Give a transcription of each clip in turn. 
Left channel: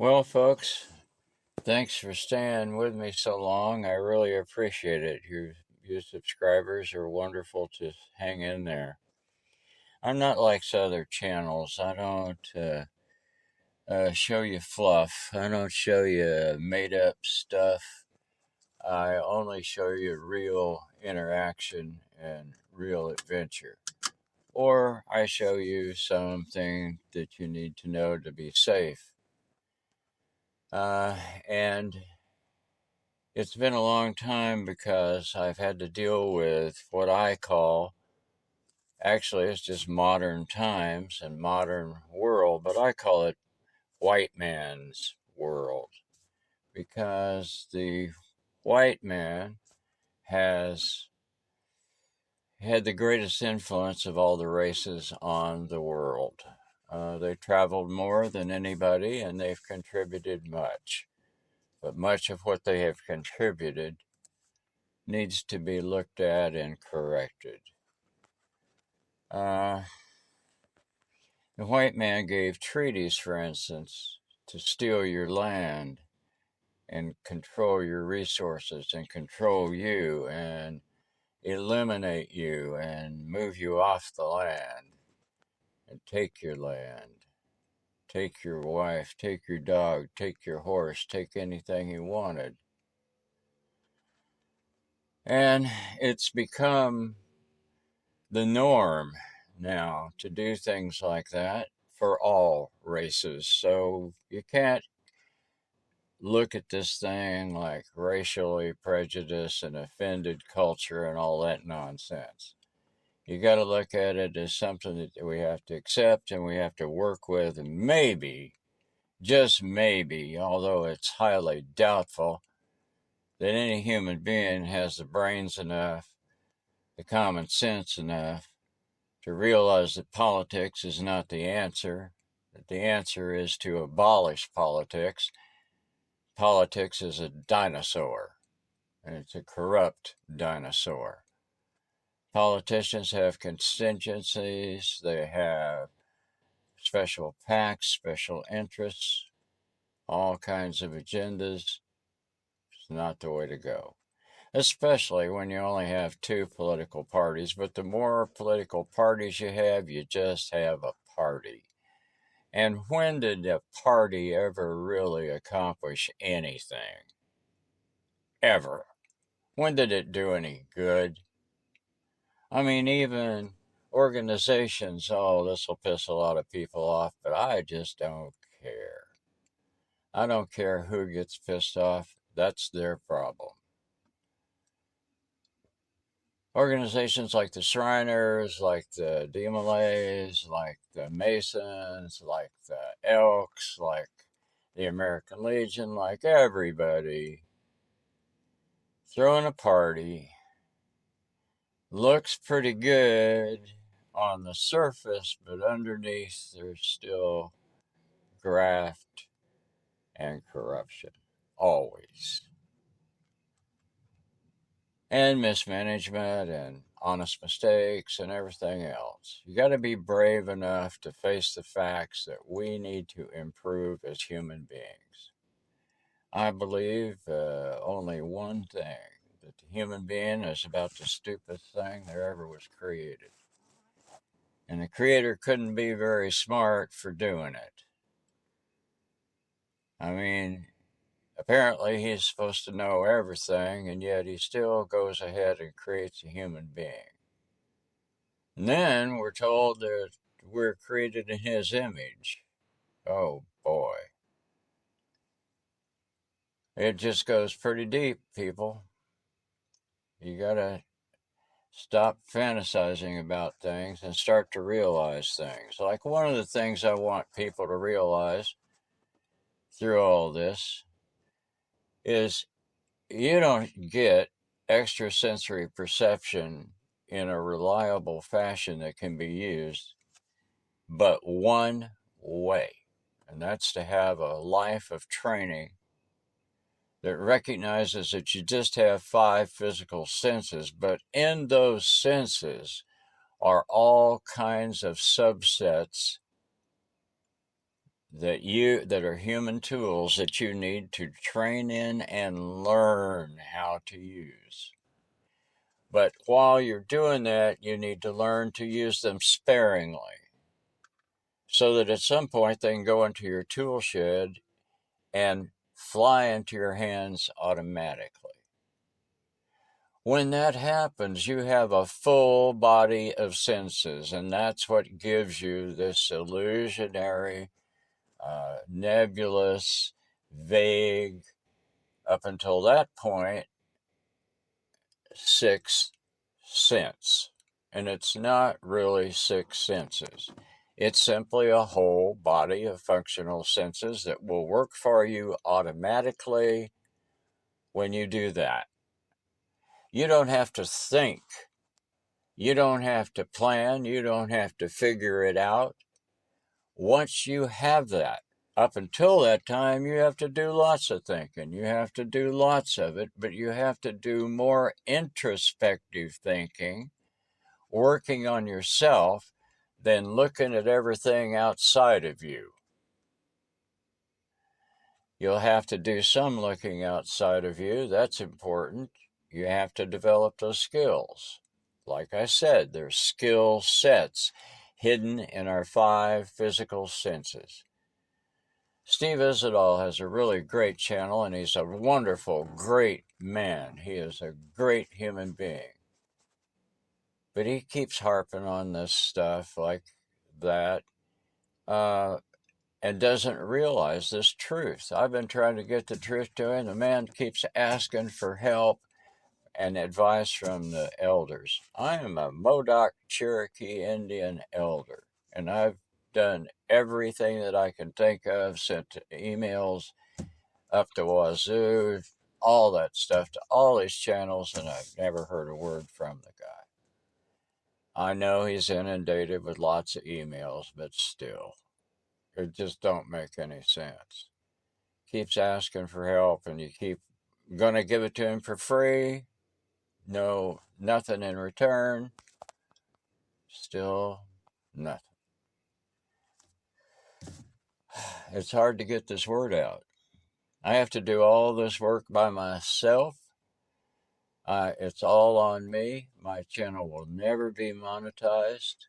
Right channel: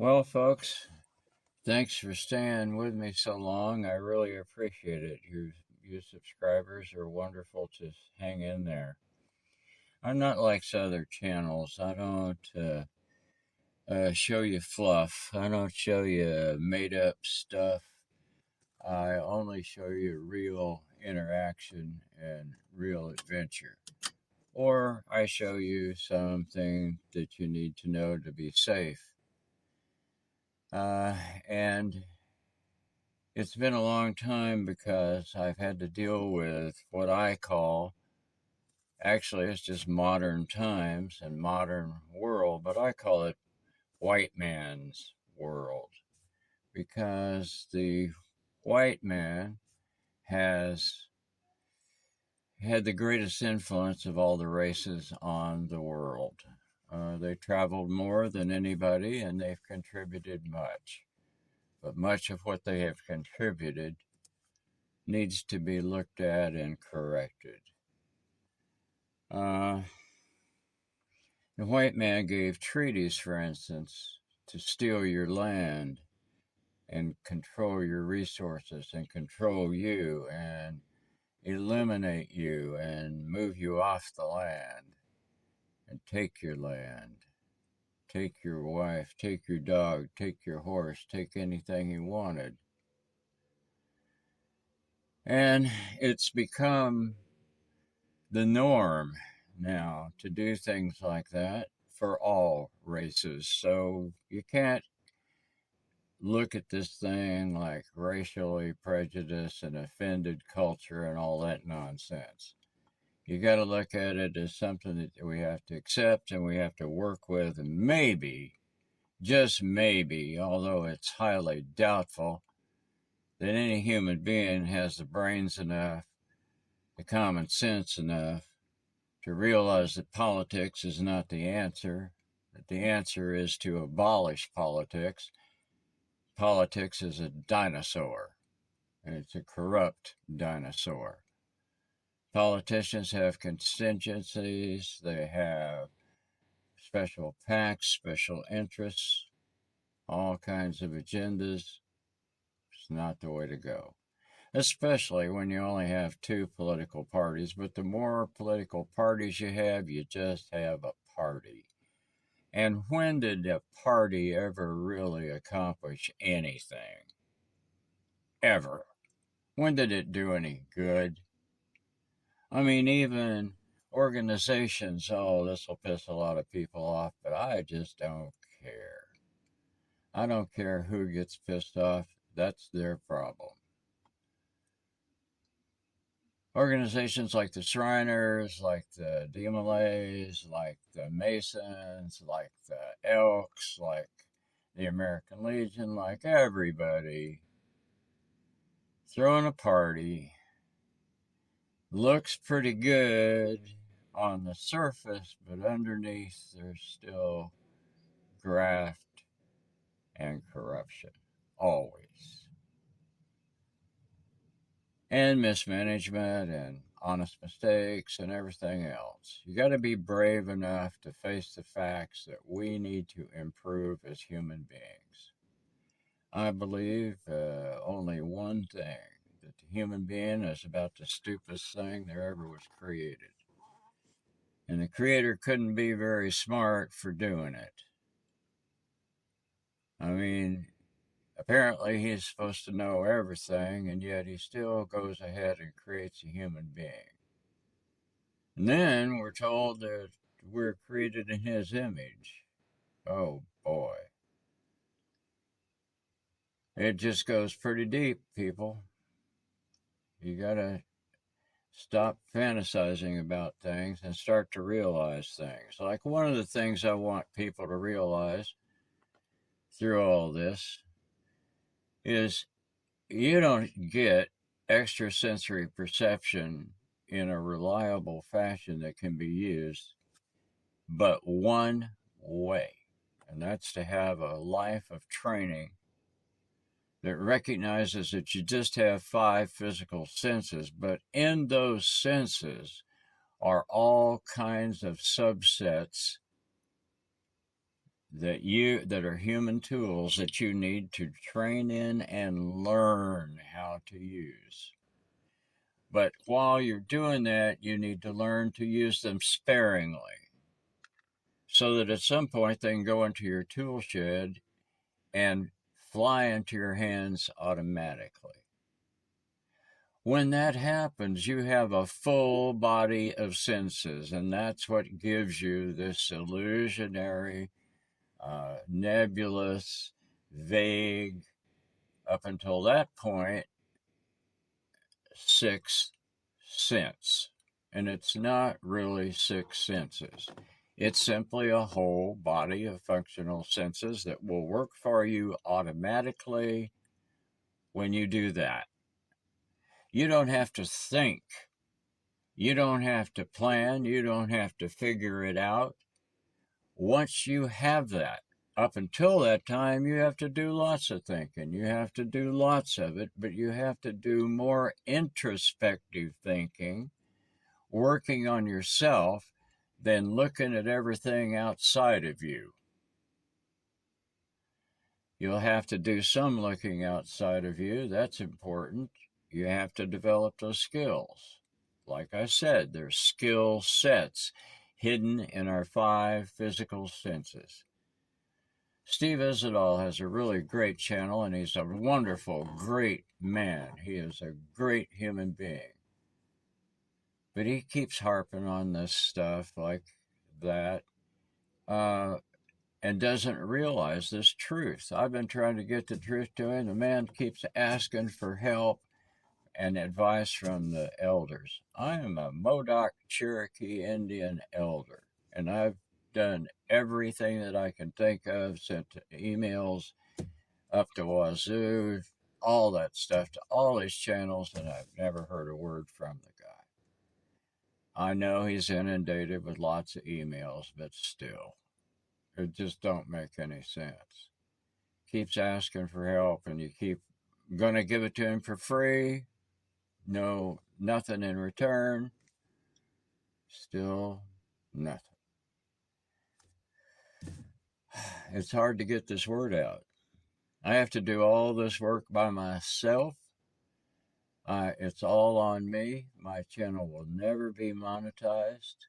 Well, folks, thanks for staying with me so long. I really appreciate it. You subscribers are wonderful to hang in there. I'm not like other channels. I don't show you fluff. I don't show you made up stuff. I only show you real interaction and real adventure. Or I show you something that you need to know to be safe. And It's been a long time because I've had to deal with what I call, actually, it's just modern times and modern world, but I call it white man's world because the white man has had the greatest influence of all the races on the world. They traveled more than anybody and they've contributed much. But much of what they have contributed needs to be looked at and corrected. Uh, the white man gave treaties, for instance, to steal your land and control your resources and control you and eliminate you and move you off the land and take your land, take your wife, take your dog, take your horse, take anything he wanted. And it's become the norm now to do things like that for all races. So you can't look at this thing like racially prejudiced and offended culture and all that nonsense. You got to look at it as something that we have to accept and we have to work with, and maybe, just maybe, although it's highly doubtful, that any human being has the brains enough, the common sense enough to realize that politics is not the answer, that the answer is to abolish politics. Politics is a dinosaur, and it's a corrupt dinosaur. Politicians have contingencies, they have special PACs, special interests, all kinds of agendas. It's not the way to go, especially when you only have two political parties. But the more political parties you have, you just have a party. And when did a party ever really accomplish anything? Ever? When did it do any good? I mean, even organizations, oh, this will piss a lot of people off, but I just don't care. I don't care who gets pissed off. That's their problem. Organizations like the Shriners, like the Demolays, like the Masons, like the Elks, like the American Legion, like everybody throwing a party. Looks pretty good on the surface, but underneath there's still graft and corruption. Always. And mismanagement and honest mistakes and everything else. You got to be brave enough to face the facts that we need to improve as human beings. I believe only one thing, that the human being is about the stupidest thing there ever was created. And the creator couldn't be very smart for doing it. I mean, apparently he's supposed to know everything, and yet he still goes ahead and creates a human being. And then we're told that we're created in his image. Oh boy. It just goes pretty deep, people. You gotta stop fantasizing about things and start to realize things. Like one of the things I want people to realize through all this is you don't get extrasensory perception in a reliable fashion that can be used but one way, and that's to have a life of training that recognizes that you just have five physical senses, but in those senses are all kinds of subsets that are human tools that you need to train in and learn how to use. But while you're doing that, you need to learn to use them sparingly so that at some point they can go into your tool shed and fly into your hands automatically. When that happens, you have a full body of senses, and that's what gives you this illusionary, nebulous, vague, up until that point, sixth sense. And it's not really six senses. It's simply a whole body of functional senses that will work for you automatically when you do that. You don't have to think. You don't have to plan. You don't have to figure it out. Once you have that, up until that time, you have to do lots of thinking. You have to do lots of it, but you have to do more introspective thinking, working on yourself, than looking at everything outside of you. You'll have to do some looking outside of you. That's important. You have to develop those skills. Like I said, there's skill sets hidden in our 5 physical senses. Steve Isidol has a really great channel, and he's a wonderful, great man. He is a great human being. But he keeps harping on this stuff like that and doesn't realize this truth. I've been trying to get the truth to him. The man keeps asking for help and advice from the elders. I am a Modoc Cherokee Indian elder, and I've done everything that I can think of, sent emails up to Wazoo, all that stuff to all his channels, and I've never heard a word from the guy. I know he's inundated with lots of emails, but still, it just don't make any sense. Keeps asking for help, and you keep gonna give it to him for free. No, nothing in return. Still nothing. It's hard to get this word out. I have to do all this work by myself. It's all on me. My channel will never be monetized.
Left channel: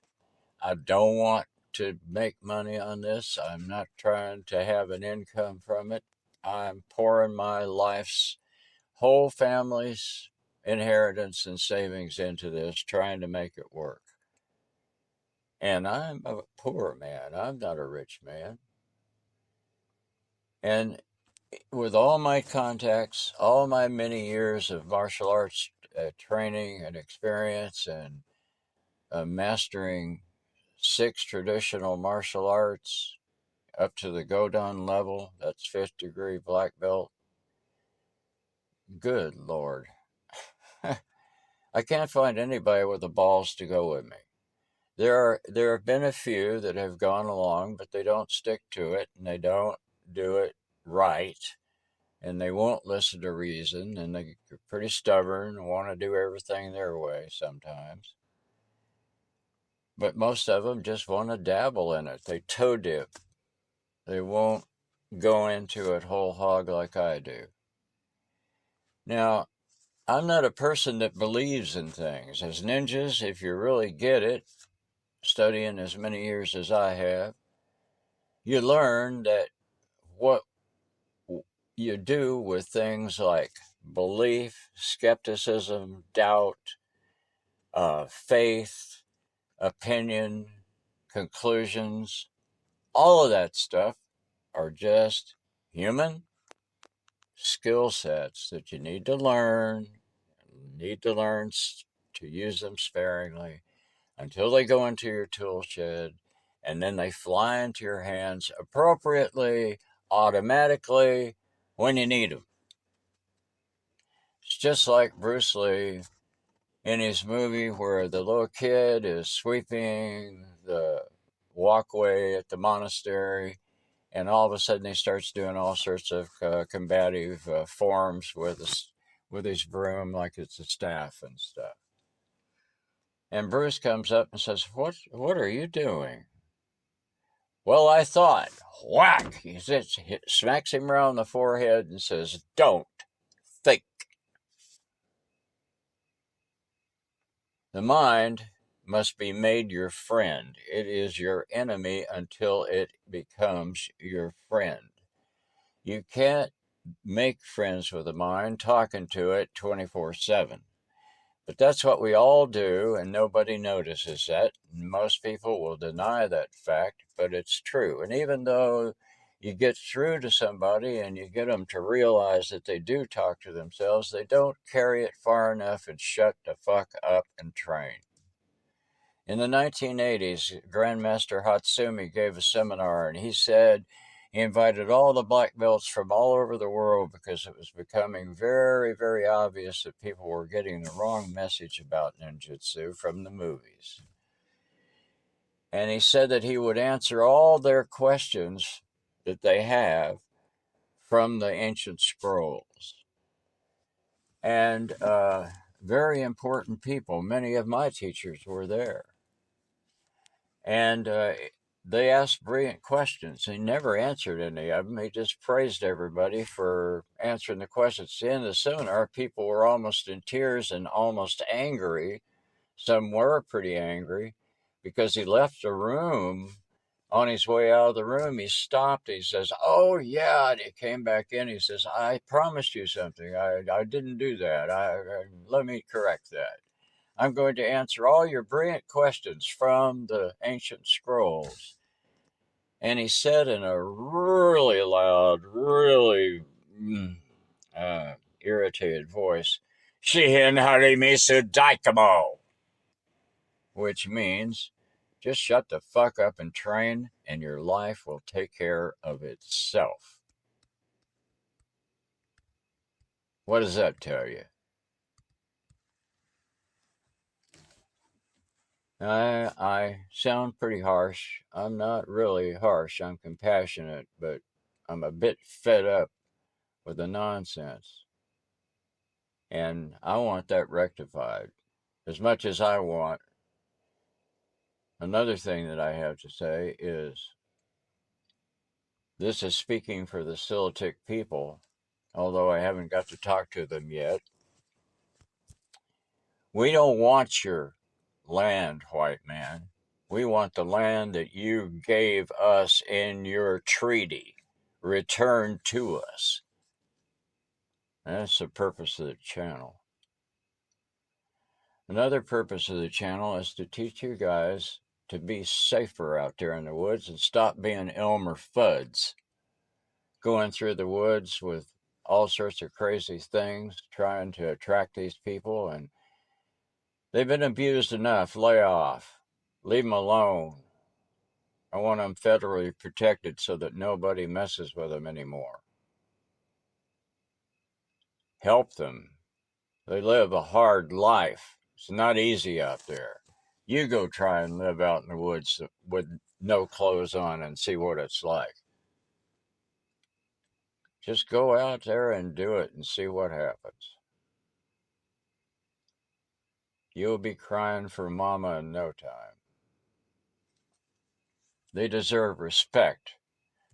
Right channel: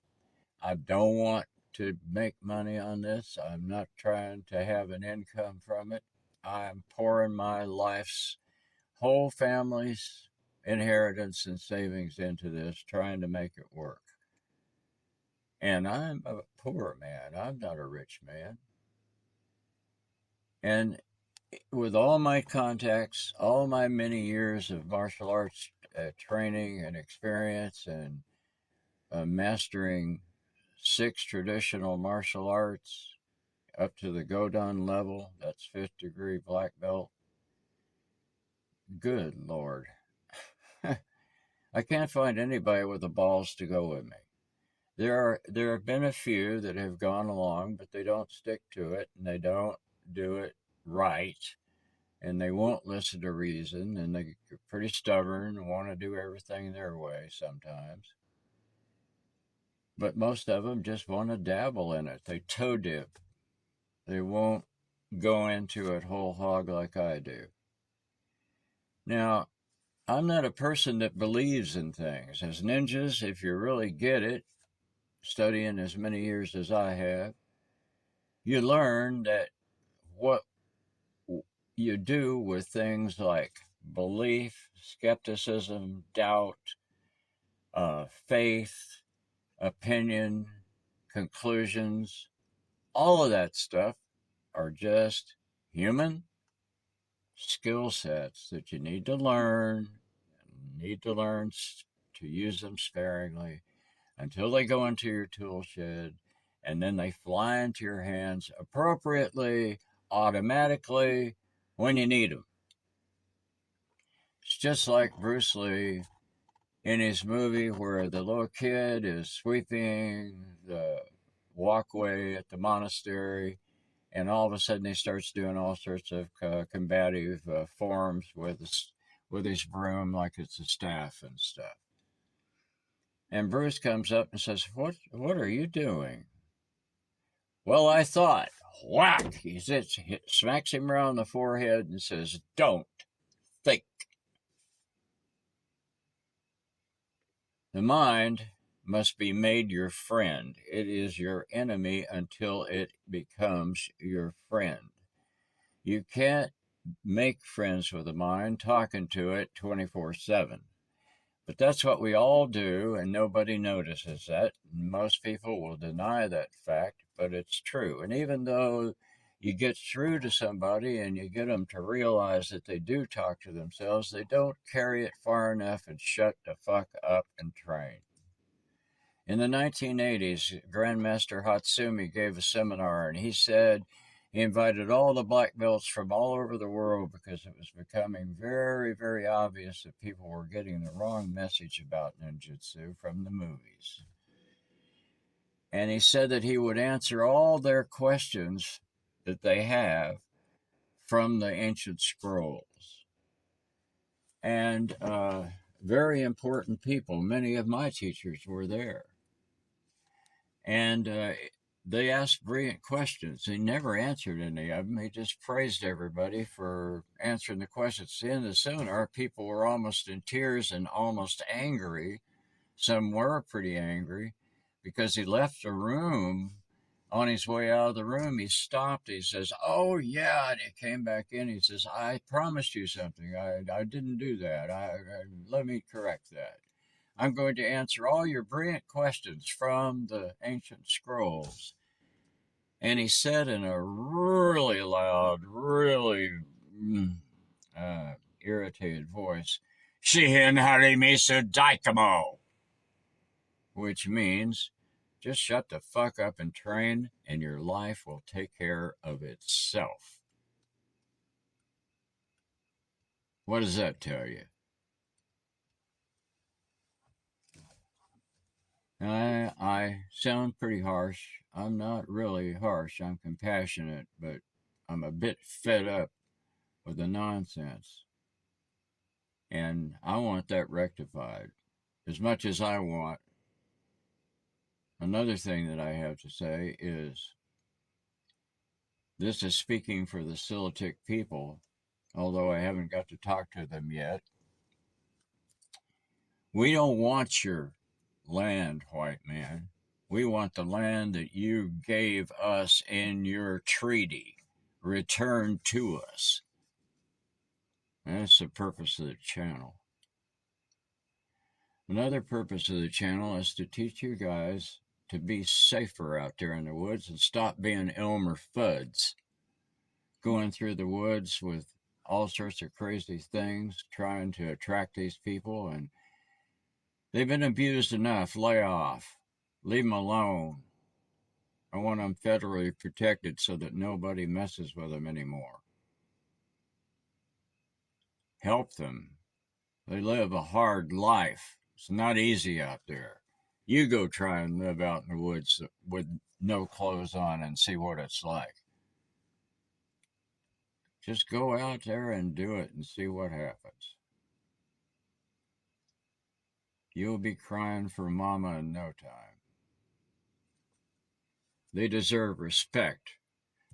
I don't want to make money on this. I'm not trying to have an income from it. I'm pouring my life's whole family's inheritance and savings into this, trying to make it work. And I'm a poor man. I'm not a rich man. And with all my contacts, all my many years of martial arts training and experience, and mastering 6 traditional martial arts up to the Godan level, that's 5th degree black belt. Good Lord. I can't find anybody with the balls to go with me. There have been a few that have gone along, but they don't stick to it, and they don't do it right, and they won't listen to reason, and they're pretty stubborn and want to do everything their way sometimes. But most of them just want to dabble in it. They toe dip. They won't go into it whole hog like I do. Now, I'm not a person that believes in things. As ninjas, if you really get it, studying as many years as I have, you learn that what you do with things like belief, skepticism, doubt, faith, opinion, conclusions, all of that stuff are just human skill sets that you need to learn, to use them sparingly until they go into your tool shed, and then they fly into your hands appropriately, automatically, when you need them. It's just like Bruce Lee in his movie where the little kid is sweeping the walkway at the monastery, and all of a sudden he starts doing all sorts of combative forms with his broom like it's a staff and stuff. And Bruce comes up and says, what are you doing? Well, I thought. whack! He smacks him around the forehead and says, "Don't think." The mind must be made your friend. It is your enemy until it becomes your friend. You can't make friends with the mind talking to it 24/7. But that's what we all do, and nobody notices that. Most people will deny that fact, but it's true. And even though you get through to somebody and you get them to realize that they do talk to themselves, they don't carry it far enough and shut the fuck up and train. In the 1980s, Grandmaster Hatsumi gave a seminar, and he said he invited all the black belts from all over the world because it was becoming very, very obvious that people were getting the wrong message about ninjutsu from the movies. And he said that he would answer all their questions that they have from the ancient scrolls. And very important people, many of my teachers were there. And they asked brilliant questions. He never answered any of them. He just praised everybody for answering the questions. At the end of the seminar, people were almost in tears and almost angry. Some were pretty angry because he left the room. On his way out of the room, he stopped. He says, "Oh, yeah." And he came back in. He says, "I promised you something. I didn't do that. Let me correct that. I'm going to answer all your brilliant questions from the ancient scrolls." And he said in a really loud, really irritated voice, "Shihin Harimisu Daikamo," which means just shut the fuck up and train, and your life will take care of itself. What does that tell you? I sound pretty harsh. I'm not really harsh. I'm compassionate, but I'm a bit fed up with the nonsense. And I want that rectified as much as I want. Another thing that I have to say is this is speaking for the Silatic people, although I haven't got to talk to them yet. We don't want your land, white man. We want the land that you gave us in your treaty returned to us. That's the purpose of the channel. Another purpose of the channel is to teach you guys to be safer out there in the woods and stop being Elmer Fuds, going through the woods with all sorts of crazy things, trying to attract these people, and they've been abused enough. Lay off. Leave them alone. I want them federally protected so that nobody messes with them anymore. Help them. They live a hard life. It's not easy out there. You go try and live out in the woods with no clothes on and see what it's like. Just go out there and do it and see what happens. You'll be crying for mama in no time. They deserve respect.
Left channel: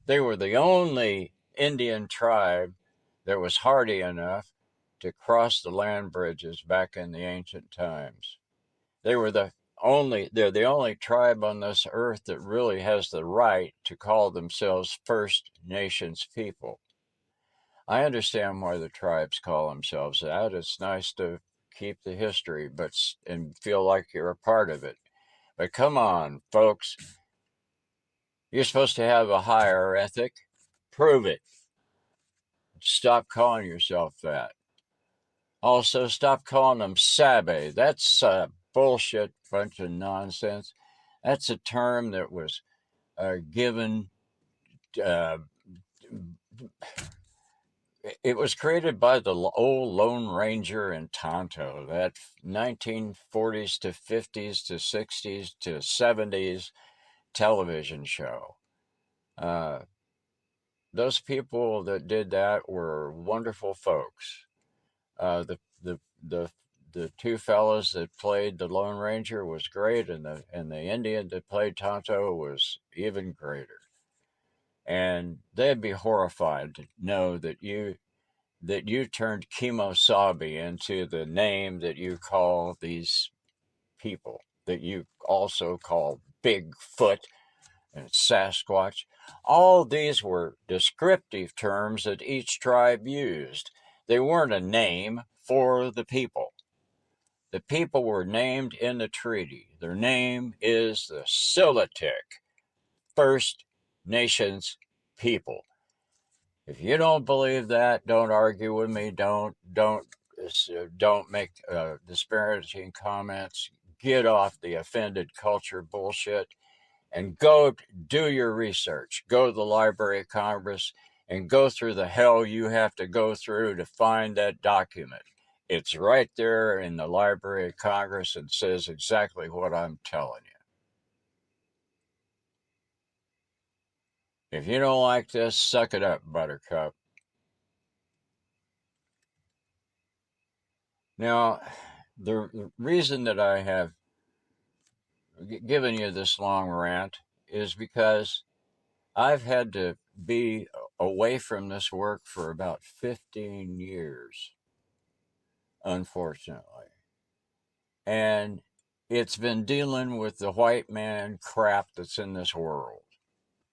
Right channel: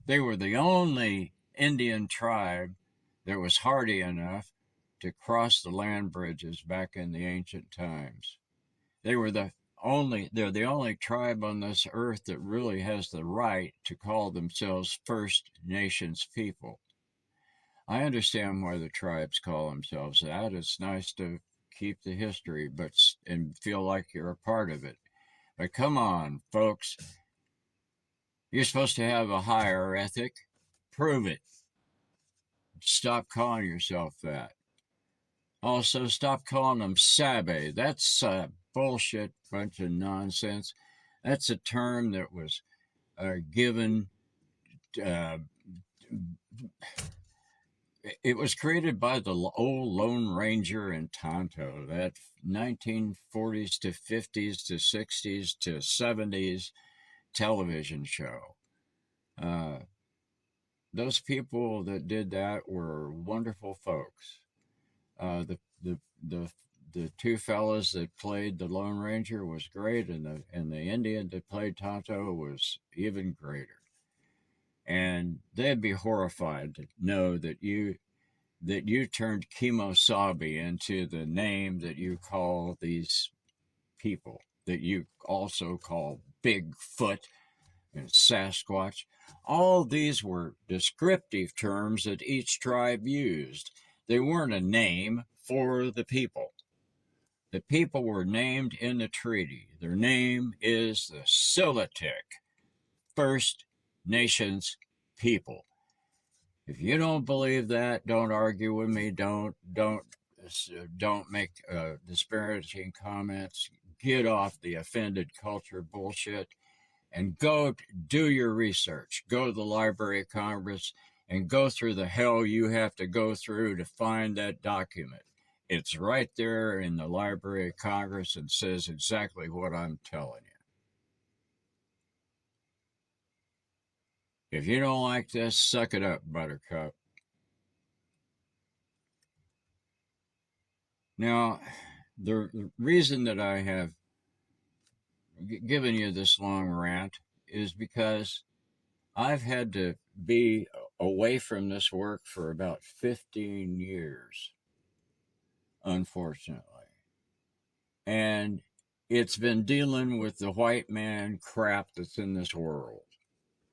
They were the only Indian tribe that was hardy enough to cross the land bridges back in the ancient times. They're the only tribe on this earth that really has the right to call themselves First Nations people. I understand why the tribes call themselves that. It's nice to keep the history and feel like you're a part of it. But come on, folks. You're supposed to have a higher ethic. Prove it. Stop calling yourself that. Also, stop calling them Sabe. That's a bullshit bunch of nonsense. That's a term that was given. Uh, it was created by the old Lone Ranger and Tonto. That 1940s to 50s to 60s to 70s television show. Those people that did that were wonderful folks. The two fellas that played the Lone Ranger was great, and the Indian that played Tonto was even greater. and they'd be horrified to know that you turned Kemosabe into the name that you call these people, that you also call Bigfoot and Sasquatch. All these were descriptive terms that each tribe used. They weren't a name for the people. The people were named in the treaty. Their name is the Siletic First Nations people. If you don't believe that, don't argue with me. Don't make disparaging comments. Get off the offended culture bullshit and go do your research. Go to the Library of Congress and go through the hell you have to go through to find that document. It's right there in the Library of Congress and says exactly what I'm telling you. If you don't like this, suck it up, Buttercup. Now, the reason that I have given you this long rant is because I've had to be away from this work for about 15 years, unfortunately. And it's been dealing with the white man crap that's in this world.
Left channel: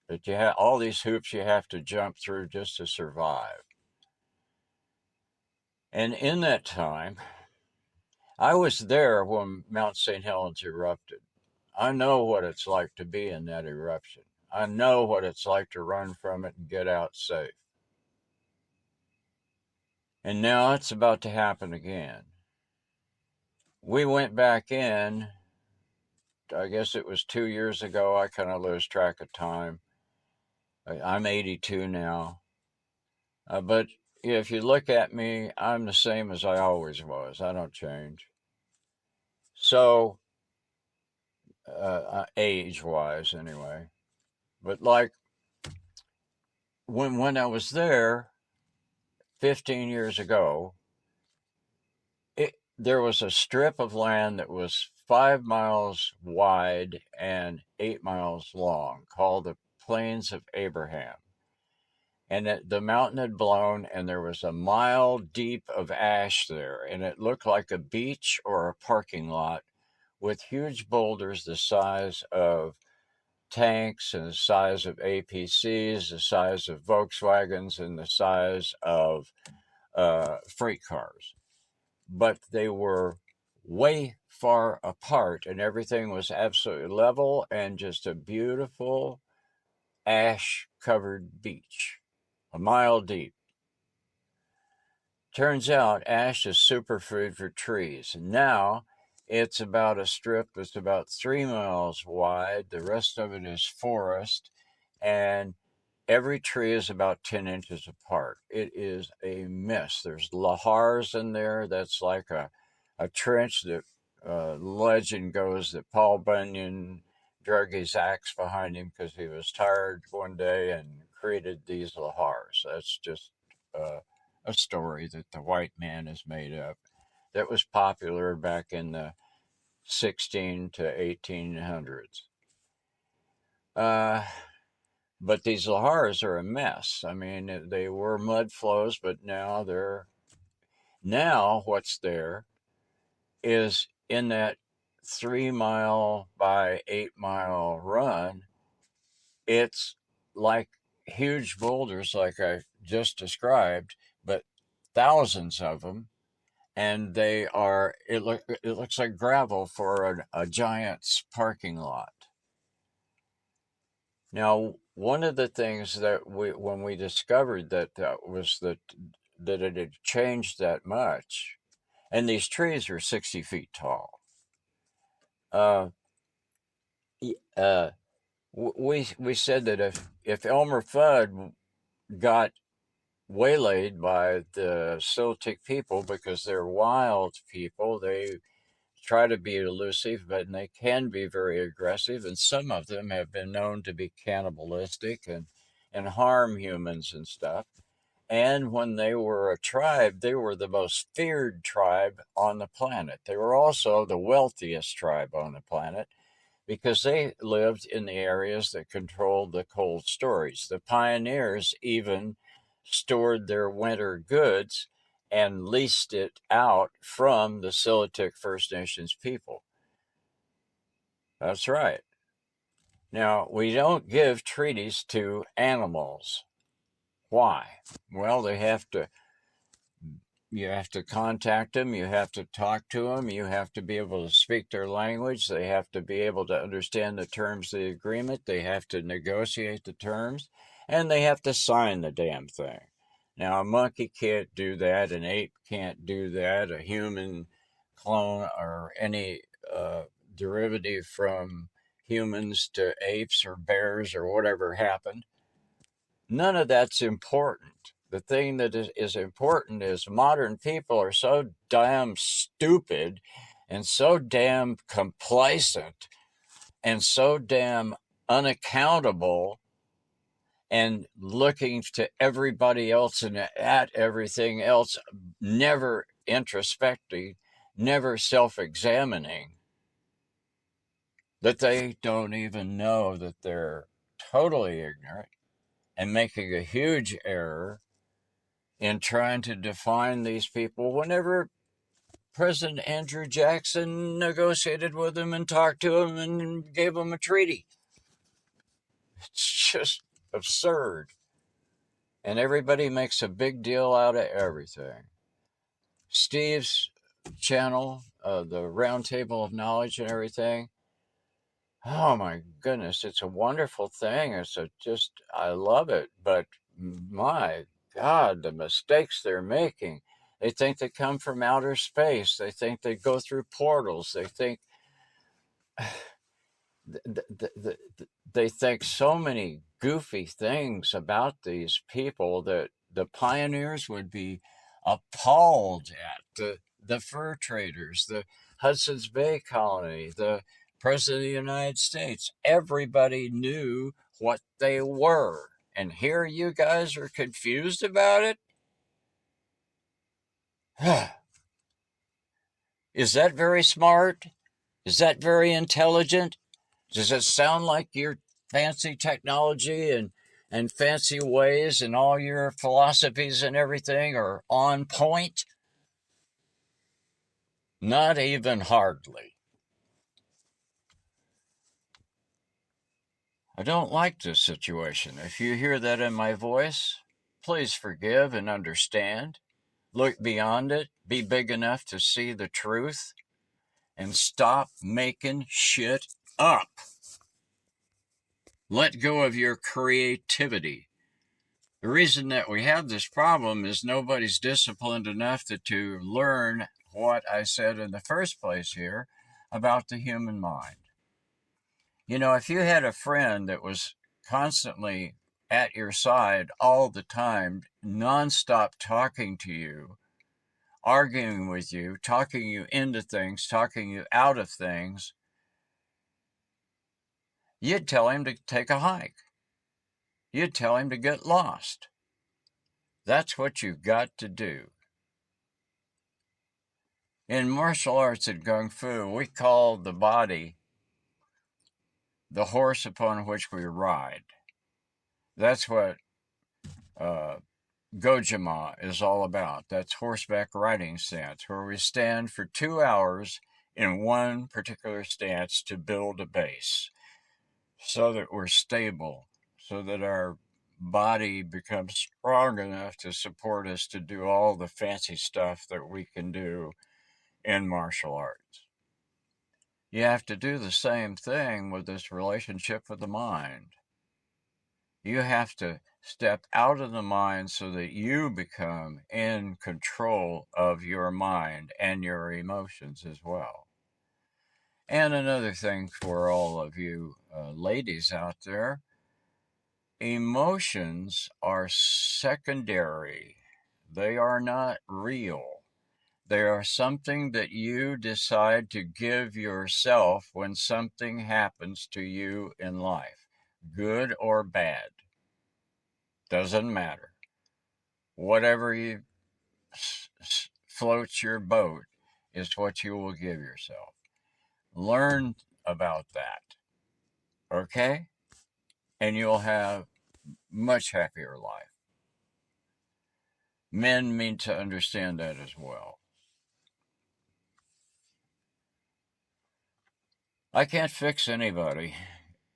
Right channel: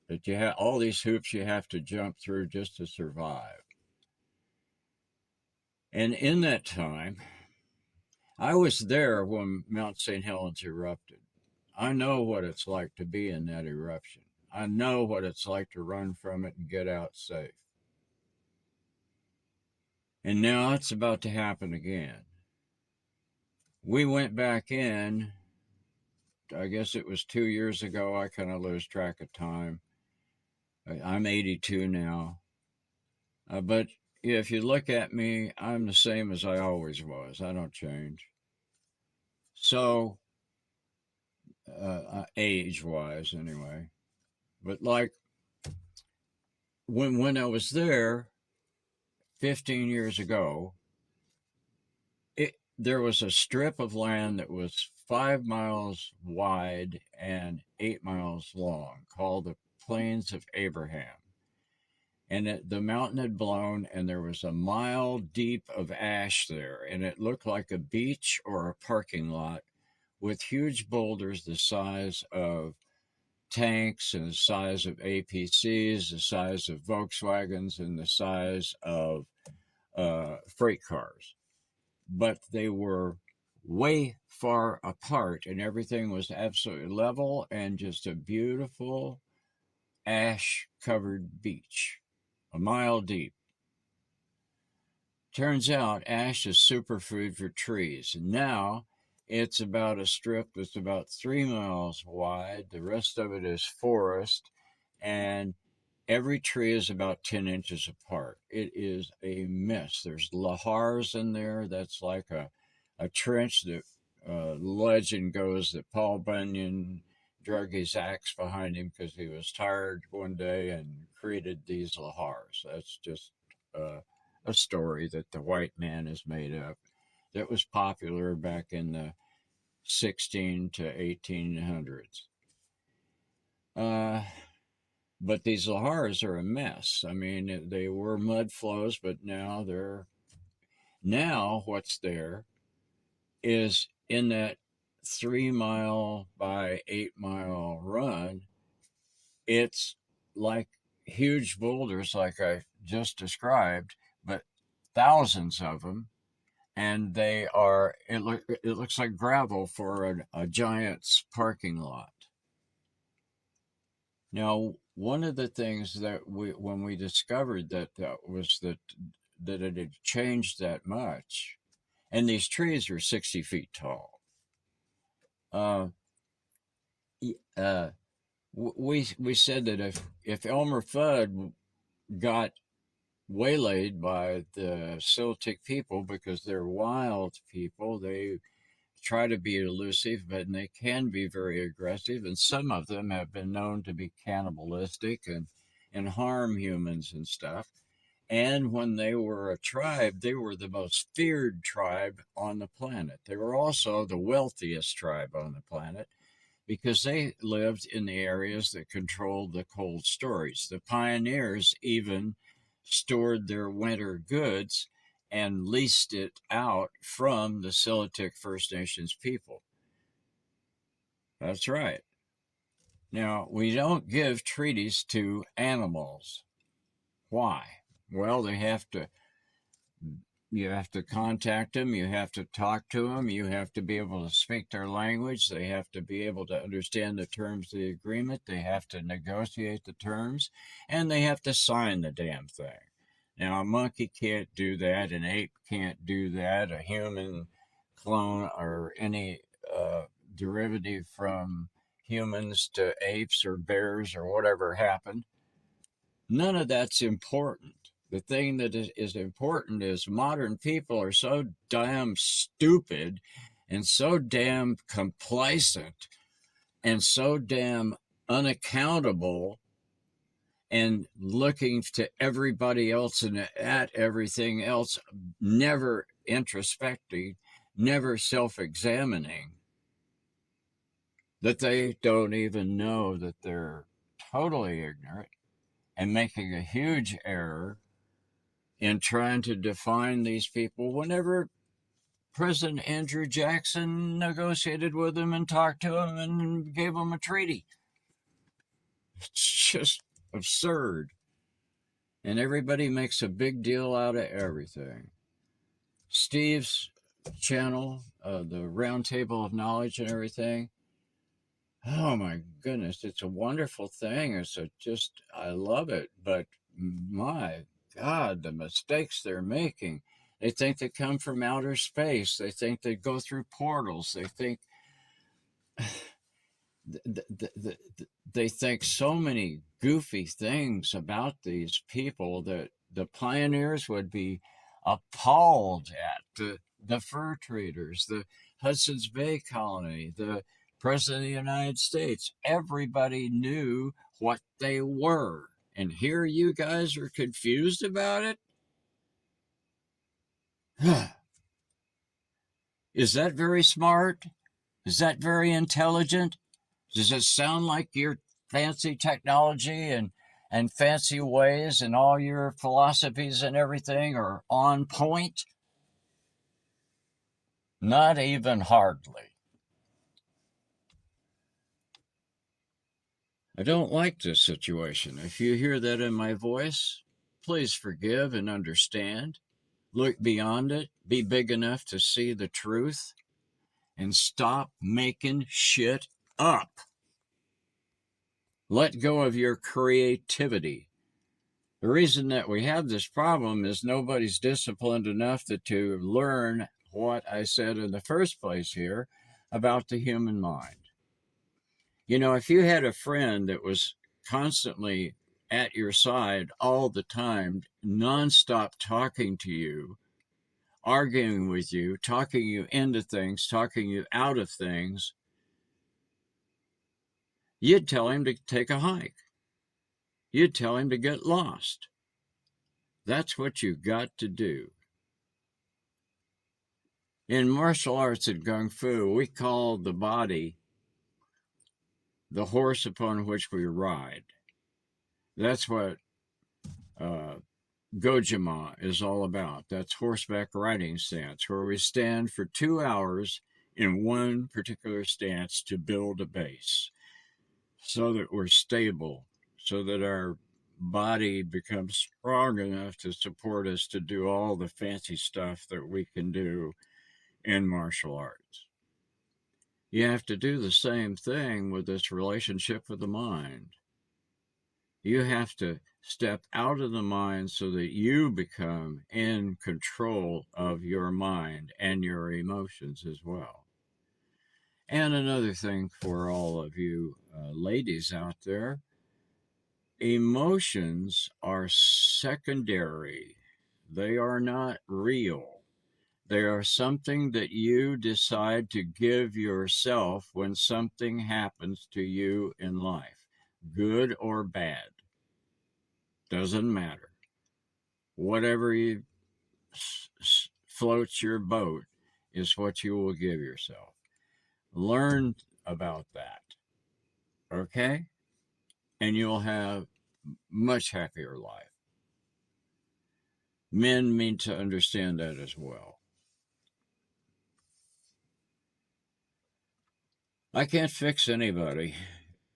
That you have all these hoops you have to jump through just to survive. And in that time, I was there when Mount St. Helens erupted. I know what it's like to be in that eruption. I know what it's like to run from it and get out safe. And now it's about to happen again. We went back in, I guess it was 2 years ago. I kind of lose track of time. I'm 82 now. But if you look at me, I'm the same as I always was. I don't change. So, age wise, anyway. But like when I was there 15 years ago, there was a strip of land that was 5 miles wide and 8 miles long called the Plains of Abraham. And the mountain had blown, and there was a mile deep of ash there, and it looked like a beach or a parking lot with huge boulders the size of tanks and the size of APCs, the size of Volkswagens, and the size of freight cars. But they were way far apart, and everything was absolutely level and just a beautiful ash covered beach, a mile deep. Turns out ash is superfood for trees. And now it's about a strip that's about 3 miles wide. The rest of it is forest, and every tree is about 10 inches apart. It is a mess. There's lahars in there. That's like a trench that legend goes that Paul Bunyan drug his axe behind him because he was tired one day and created these lahars. That's just a story that the white man has made up that was popular back in the 16 to 1800s. But these lahars are a mess. I mean, they were mud flows, but now what's there is in that 3 mile by 8 mile run, it's like huge boulders, like I just described, but thousands of them, and it looks like gravel for a giant's parking lot. Now, one of the things that when we discovered that it had changed that much, and these trees are 60 feet tall. Uh, uh, we said that if Elmer Fudd got waylaid by the Celtic people because they're wild people, they try to be elusive, but they can be very aggressive, and some of them have been known to be cannibalistic and harm humans and stuff. And when they were a tribe, they were the most feared tribe on the planet. They were also the wealthiest tribe on the planet. because they lived in the areas that controlled the cold storage. The pioneers even stored their winter goods and leased it out from the Siletic First Nations people. That's right. Now, we don't give treaties to animals. Why? Well, you have to contact them, you have to talk to them, you have to be able to speak their language, they have to be able to understand the terms of the agreement, they have to negotiate the terms, and they have to sign the damn thing. Now, a monkey can't do that, an ape can't do that, a human clone or any derivative from humans to apes or bears or whatever happened. None of that's important. The thing that is important is modern people are so damn stupid and so damn complacent and so damn unaccountable and looking to everybody else and at everything else, never introspecting, never self examining, that they don't even know that they're totally ignorant and making a huge error in trying to define these people whenever President Andrew Jackson negotiated with them and talked to them and gave them a treaty. It's just absurd. And everybody makes a big deal out of everything. Steve's channel, the Roundtable of Knowledge and everything, oh my goodness, it's a wonderful thing. I love it. But my God, the mistakes they're making. They think they come from outer space. They think they go through portals. They think they think so many goofy things about these people that the pioneers would be appalled at. The fur traders, the Hudson's Bay Colony, the President of the United States. Everybody knew what they were. And here you guys are confused about it? Is that very smart? Is that very intelligent? Does it sound like your fancy technology and fancy ways and all your philosophies and everything are on point? Not even hardly. I don't like this situation. If you hear that in my voice, please forgive and understand. Look beyond it. Be big enough to see the truth and stop making shit up. Let go of your creativity. The reason that we have this problem is nobody's disciplined enough to learn what I said in the first place here about the human mind. You know, if you had a friend that was constantly at your side all the time, nonstop talking to you, arguing with you, talking you into things, talking you out of things, you'd tell him to take a hike. You'd tell him to get lost. That's what you got to do. In martial arts and Kung Fu, we call the body the horse upon which we ride. That's what Gojima is all about. That's horseback riding stance, where we stand for 2 hours in one particular stance to build a base so that we're stable, so that our body becomes strong enough to support us to do all the fancy stuff that we can do in martial arts. You have to do the same thing with this relationship with the mind. You have to step out of the mind so that you become in control of your mind and your emotions as well. And another thing for all of you ladies out there, emotions are secondary. They are not real. They are something that you decide to give yourself when something happens to you in life, good or bad. Doesn't matter. Whatever floats your boat is what you will give yourself. Learn about that. Okay? And you'll have much happier life. Men need to understand that as well. I can't fix anybody.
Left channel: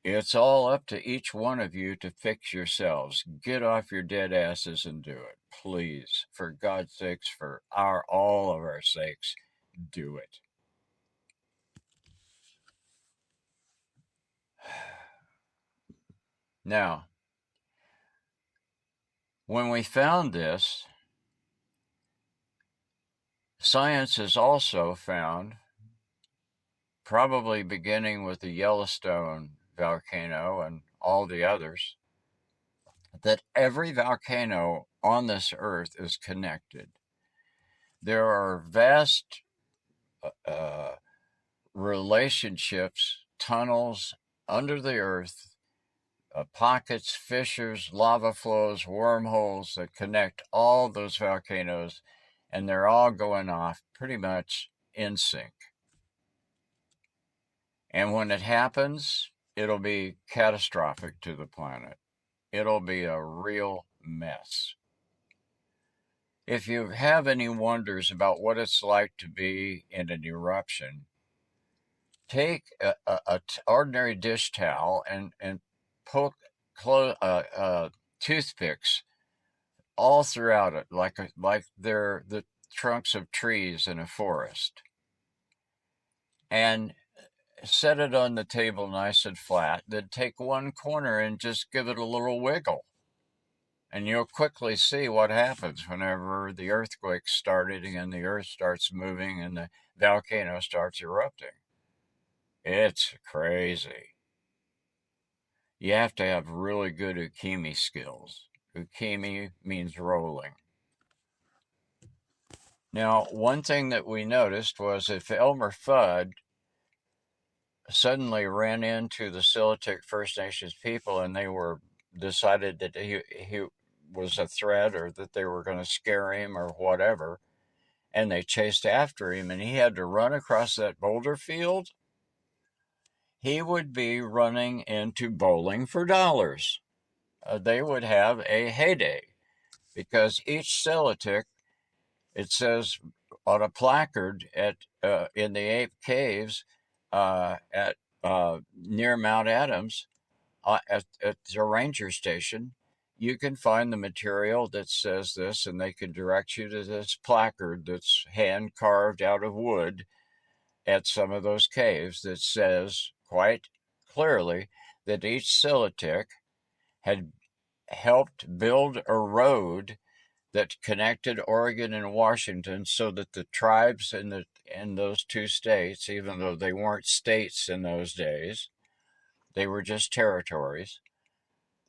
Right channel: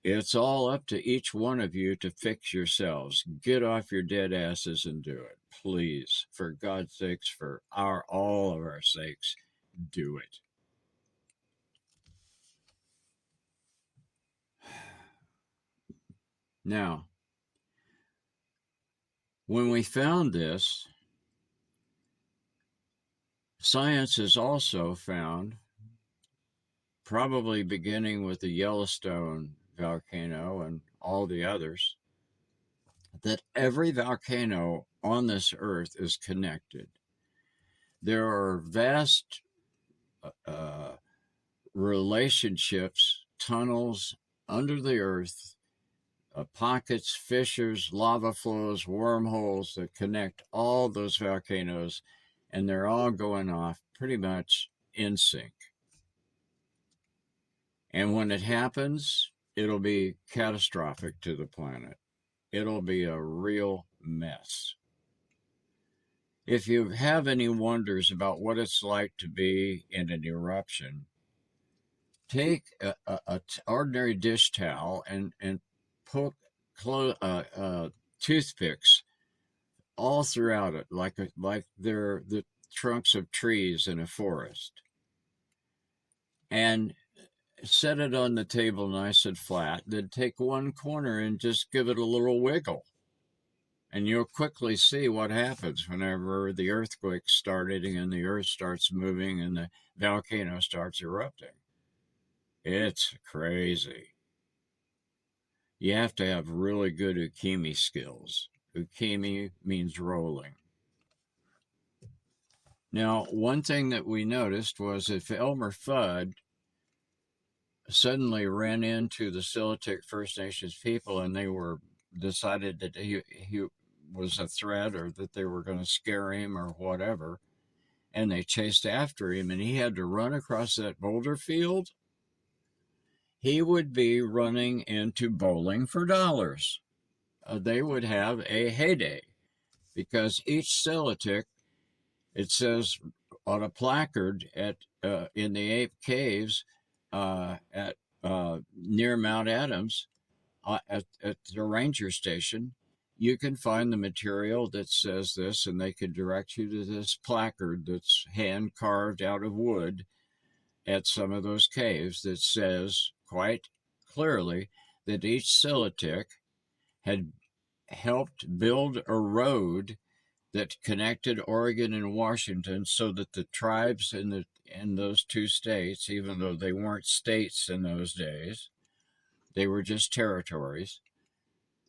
It's all up to each one of you to fix yourselves. Get off your dead asses and do it. Please, for God's sakes, for all of our sakes, do it. Now, when we found this, science has also found, probably beginning with the Yellowstone volcano and all the others, that every volcano on this earth is connected. There are vast uh, relationships, tunnels under the earth, pockets, fissures, lava flows, wormholes that connect all those volcanoes, and they're all going off pretty much in sync. And when it happens, it'll be catastrophic to the planet. It'll be a real mess. If you have any wonders about what it's like to be in an eruption, take a ordinary dish towel and poke toothpicks all throughout it, like they're the trunks of trees in a forest, and set it on the table nice and flat. Then take one corner and just give it a little wiggle. And you'll quickly see what happens whenever the earthquake started and the earth starts moving and the volcano starts erupting. It's crazy. You have to have really good ukemi skills. Ukemi means rolling. Now, one thing that we noticed was if Elmer Fudd suddenly ran into the Siletic First Nations people and they were decided that he was a threat or that they were going to scare him or whatever, and they chased after him and he had to run across that boulder field, he would be running into Bowling for Dollars. They would have a heyday because each Siletic, it says on a placard at in the Ape Caves at near Mount Adams at the ranger station, you can find the material that says this, and they can direct you to this placard that's hand carved out of wood at some of those caves that says quite clearly that each Siletic had helped build a road that connected Oregon and Washington so that the tribes in those two states, even though they weren't states in those days, they were just territories,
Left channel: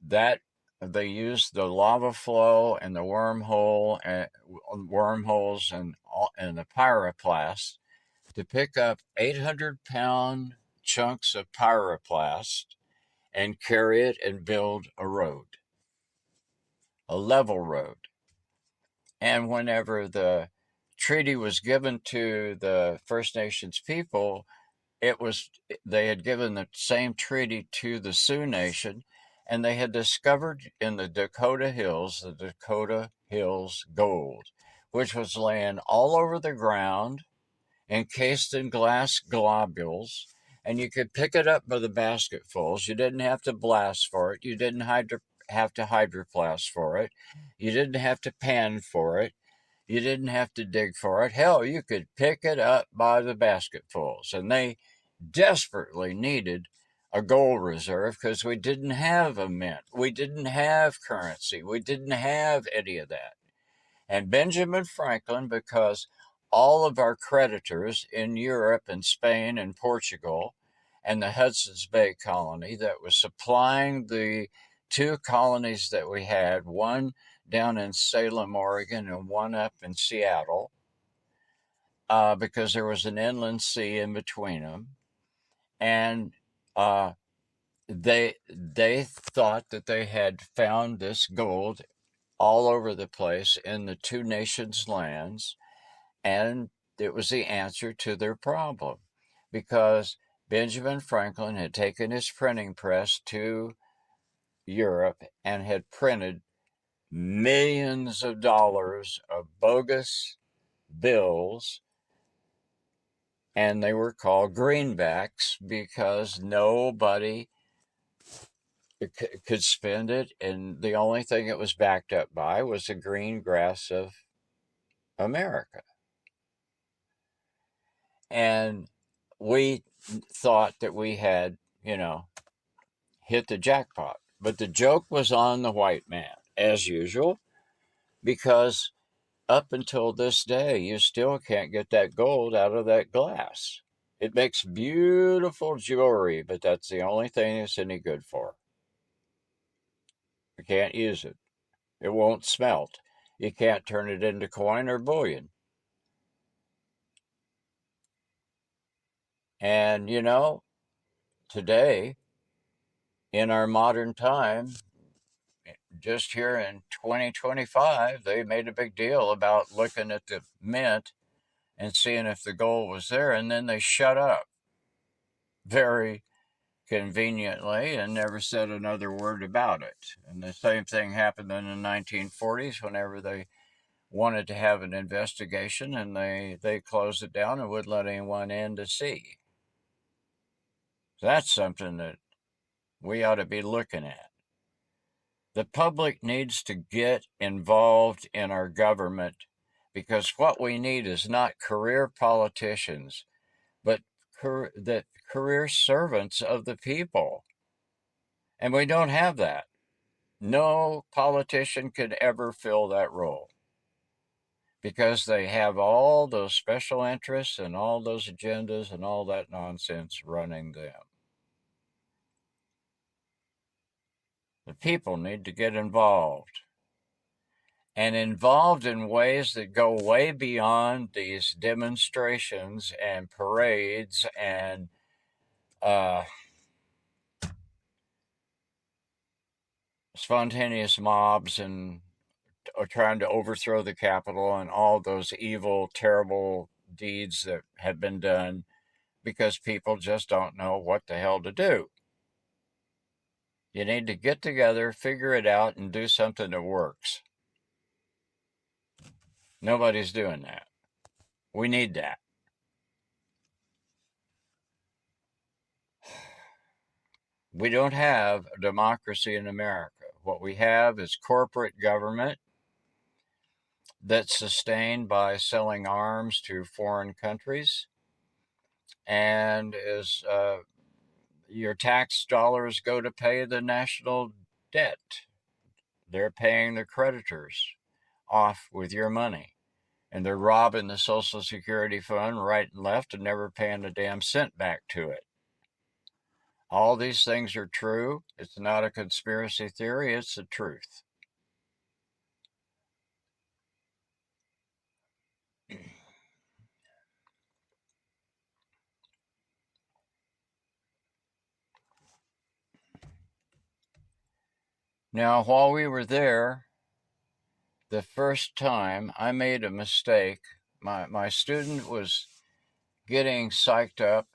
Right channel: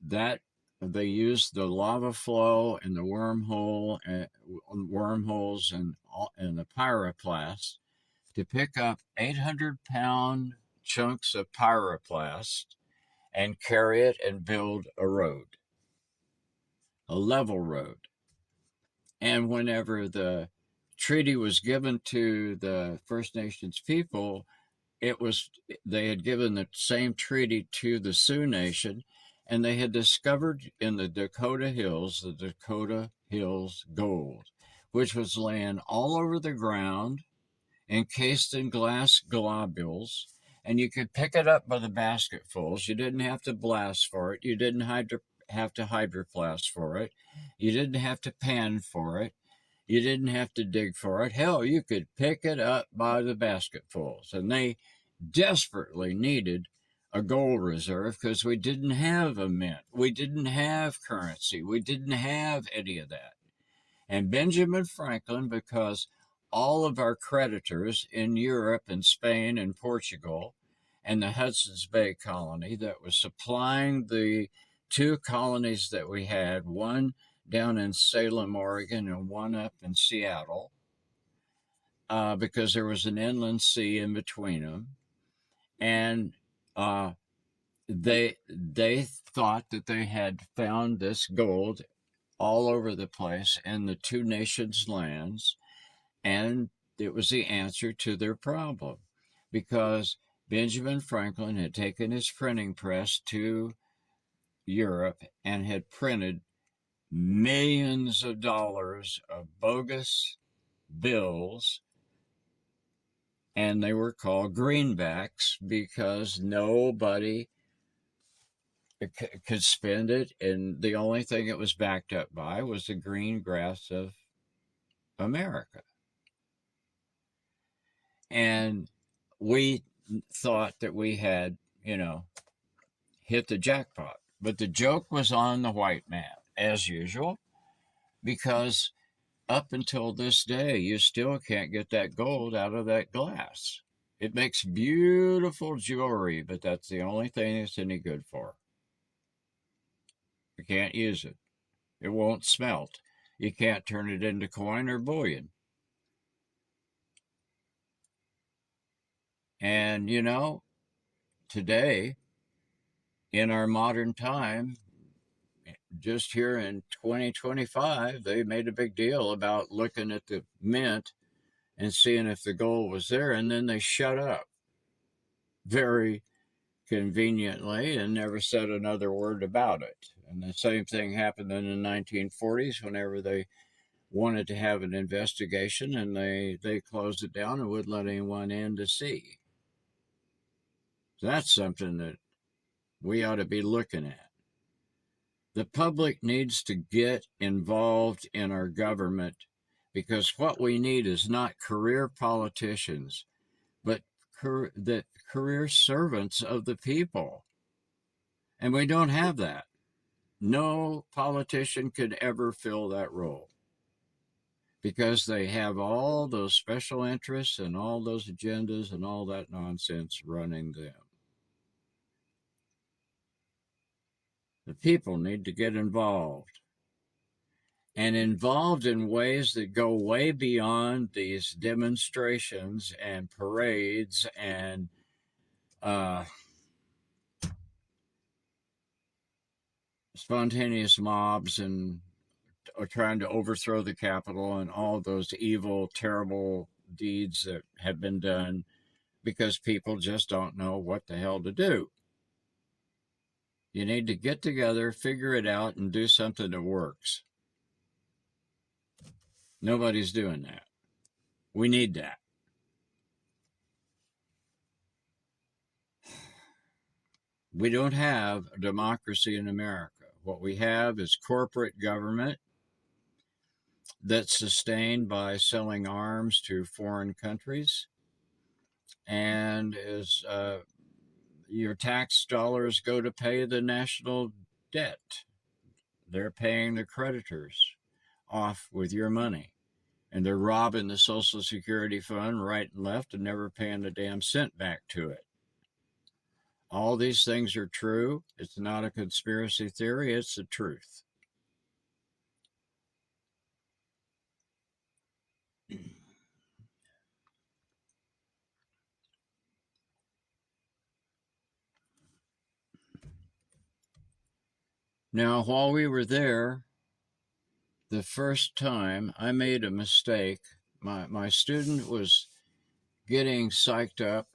that they used the lava flow and the wormholes and the pyroplast to pick up 800-pound chunks of pyroplast and carry it and build a road, a level road. And whenever the treaty was given to the First Nations people, they had given the same treaty to the Sioux Nation, and they had discovered in the Dakota Hills gold, which was laying all over the ground, encased in glass globules, and you could pick it up by the basketfuls. You didn't have to blast for it. You didn't have to hydroplast for it. You didn't have to pan for it. You didn't have to dig for it. Hell, you could pick it up by the basketfuls. And they desperately needed a gold reserve because we didn't have a mint. We didn't have currency. We didn't have any of that. And Benjamin Franklin, because all of our creditors in Europe and Spain and Portugal and the Hudson's Bay colony that was supplying the two colonies that we had, one down in Salem, Oregon, and one up in Seattle, because there was an inland sea in between them. And they thought that they had found this gold all over the place in the two nations' lands, and it was the answer to their problem, because Benjamin Franklin had taken his printing press to Europe and had printed millions of dollars of bogus bills, and they were called greenbacks because nobody could spend it, and the only thing it was backed up by was the green grass of America. And we thought that we had, hit the jackpot. But the joke was on the white man, as usual, because up until this day, you still can't get that gold out of that glass. It makes beautiful jewelry, but that's the only thing it's any good for. You can't use it. It won't smelt. You can't turn it into coin or bullion. And, today, in our modern time, just here in 2025, they made a big deal about looking at the mint and seeing if the gold was there, and then they shut up very conveniently and never said another word about it. And the same thing happened in the 1940s whenever they wanted to have an investigation, and they closed it down and wouldn't let anyone in to see. So that's something that we ought to be looking at. The public needs to get involved in our government, because what we need is not career politicians, but the career servants of the people. And we don't have that. No politician could ever fill that role because they have all those special interests and all those agendas and all that nonsense running them. The people need to get involved, and involved in ways that go way beyond these demonstrations and parades and spontaneous mobs and trying to overthrow the Capitol and all those evil, terrible deeds that have been done because people just don't know what the hell to do. You need to get together, figure it out, and do something that works. Nobody's doing that. We need that. We don't have a democracy in America. What we have is corporate government that's sustained by selling arms to foreign countries, and is your tax dollars go to pay the national debt. They're paying the creditors off with your money. And they're robbing the Social Security fund right and left and never paying a damn cent back to it. All these things are true. It's not a conspiracy theory, it's the truth. Now, while we were there, the first time I made a mistake. My student was getting psyched up,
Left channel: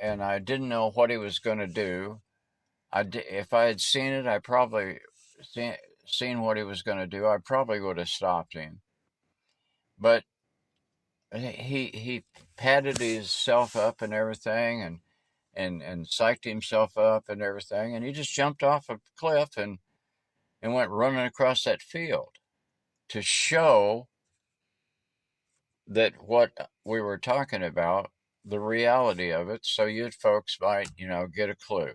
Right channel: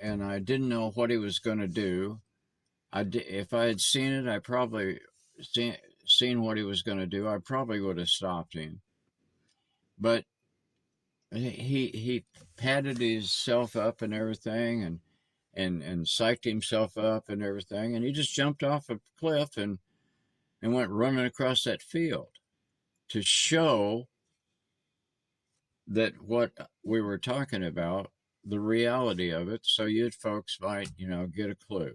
and I didn't know what he was going to do. If I had seen it, I probably seen what he was going to do. I probably would have stopped him. But he patted himself up and everything, and psyched himself up and everything, and he just jumped off a cliff and went running across that field to show that what we were talking about, the reality of it, so you folks might, get a clue.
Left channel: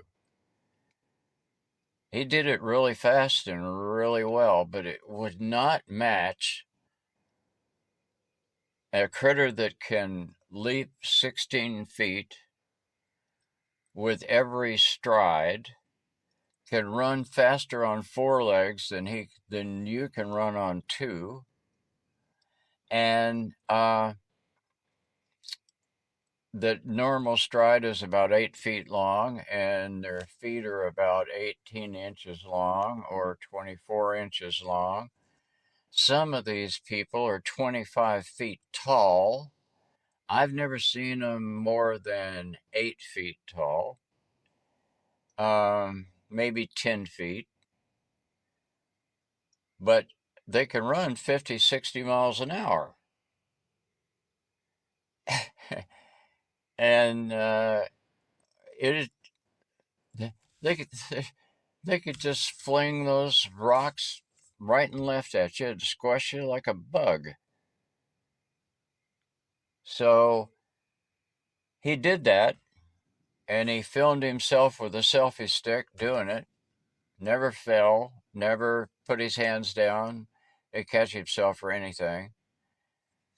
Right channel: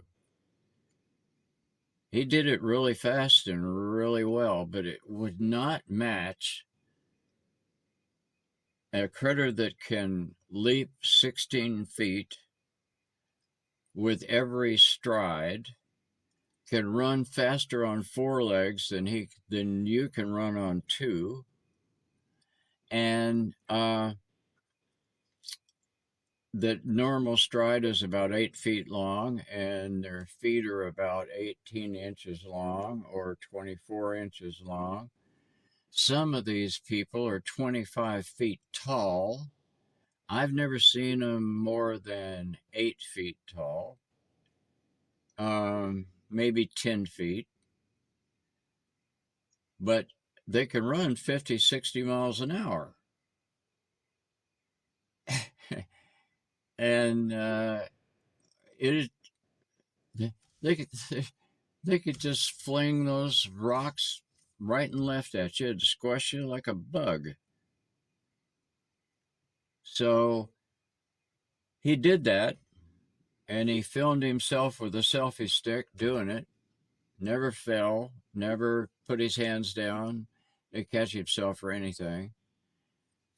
He did it really fast and really well, but it would not match a critter that can leap 16 feet with every stride, can run faster on 4 legs than you can run on 2, and the normal stride is about 8 feet long, and their feet are about 18 inches long or 24 inches long. Some of these people are 25 feet tall. I've never seen them more than 8 feet tall, maybe 10 feet, but they can run 50, 60 miles an hour. And it is, they could, they could just fling those rocks right and left at you and squash you like a bug. So he did that, and he filmed himself with a selfie stick doing it. Never fell, never put his hands down to catch himself or anything.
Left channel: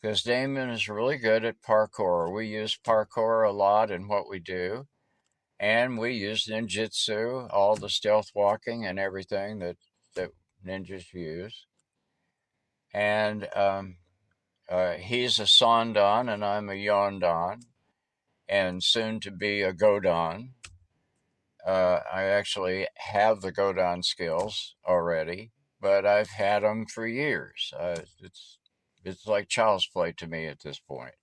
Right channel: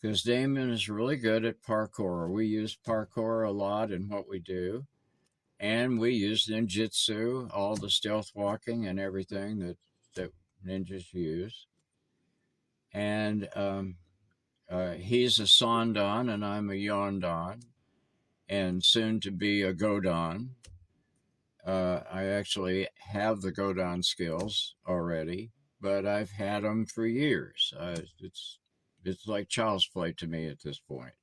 Because Damon is really good at parkour. We use parkour a lot in what we do. And we use ninjutsu, all the stealth walking and everything that ninjas use. And he's a Sandan and I'm a Yondan, and soon to be a Godan. I actually have the Godan skills already, but I've had them for years. It's like child's play to me at this point.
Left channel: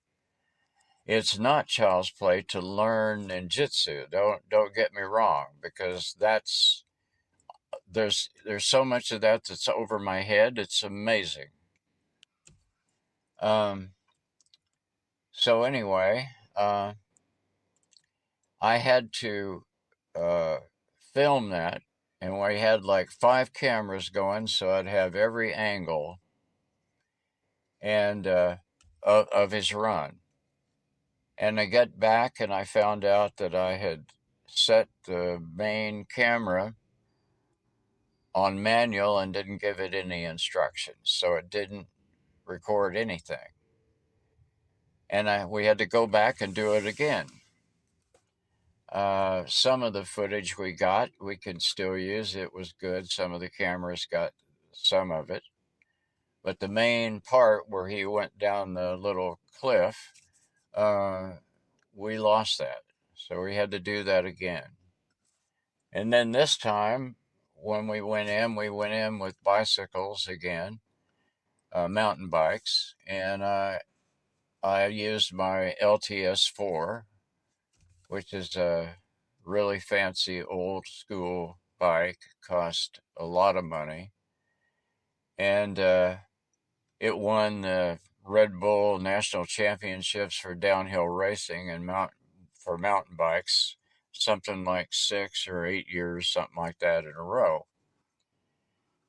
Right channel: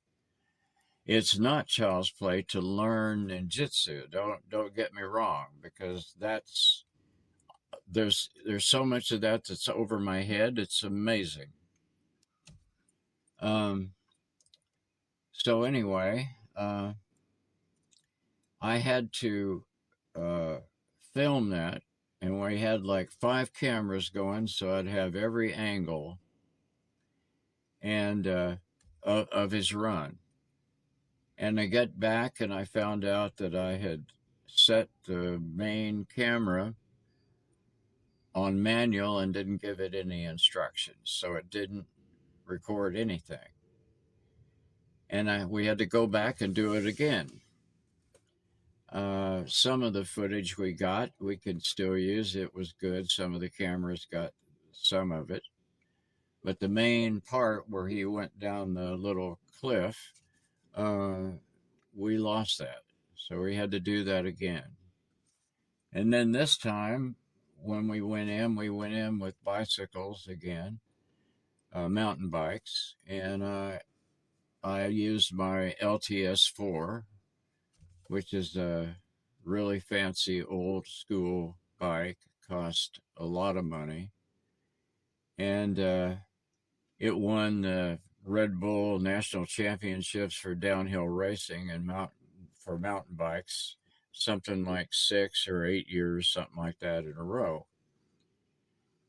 It's not child's play to learn ninjutsu. Don't get me wrong, because there's so much of that that's over my head. It's amazing. Um, so anyway, I had to uh, film that, and we had like 5 cameras going, so I'd have every angle and of his run. And I got back, and I found out that I had set the main camera on manual and didn't give it any instructions, so it didn't record anything. And we had to go back and do it again. Some of the footage we got, we could still use. It was good. Some of the cameras got some of it. But the main part where he went down the little cliff, uh, we lost that. So we had to do that again. And then this time, when we went in with bicycles again, mountain bikes, and I used my LTS4, which is a really fancy old school bike, cost a lot of money, and it won the Red Bull National Championships for downhill racing and mountain bikes, something like 6 or 8 years, something like that in a row.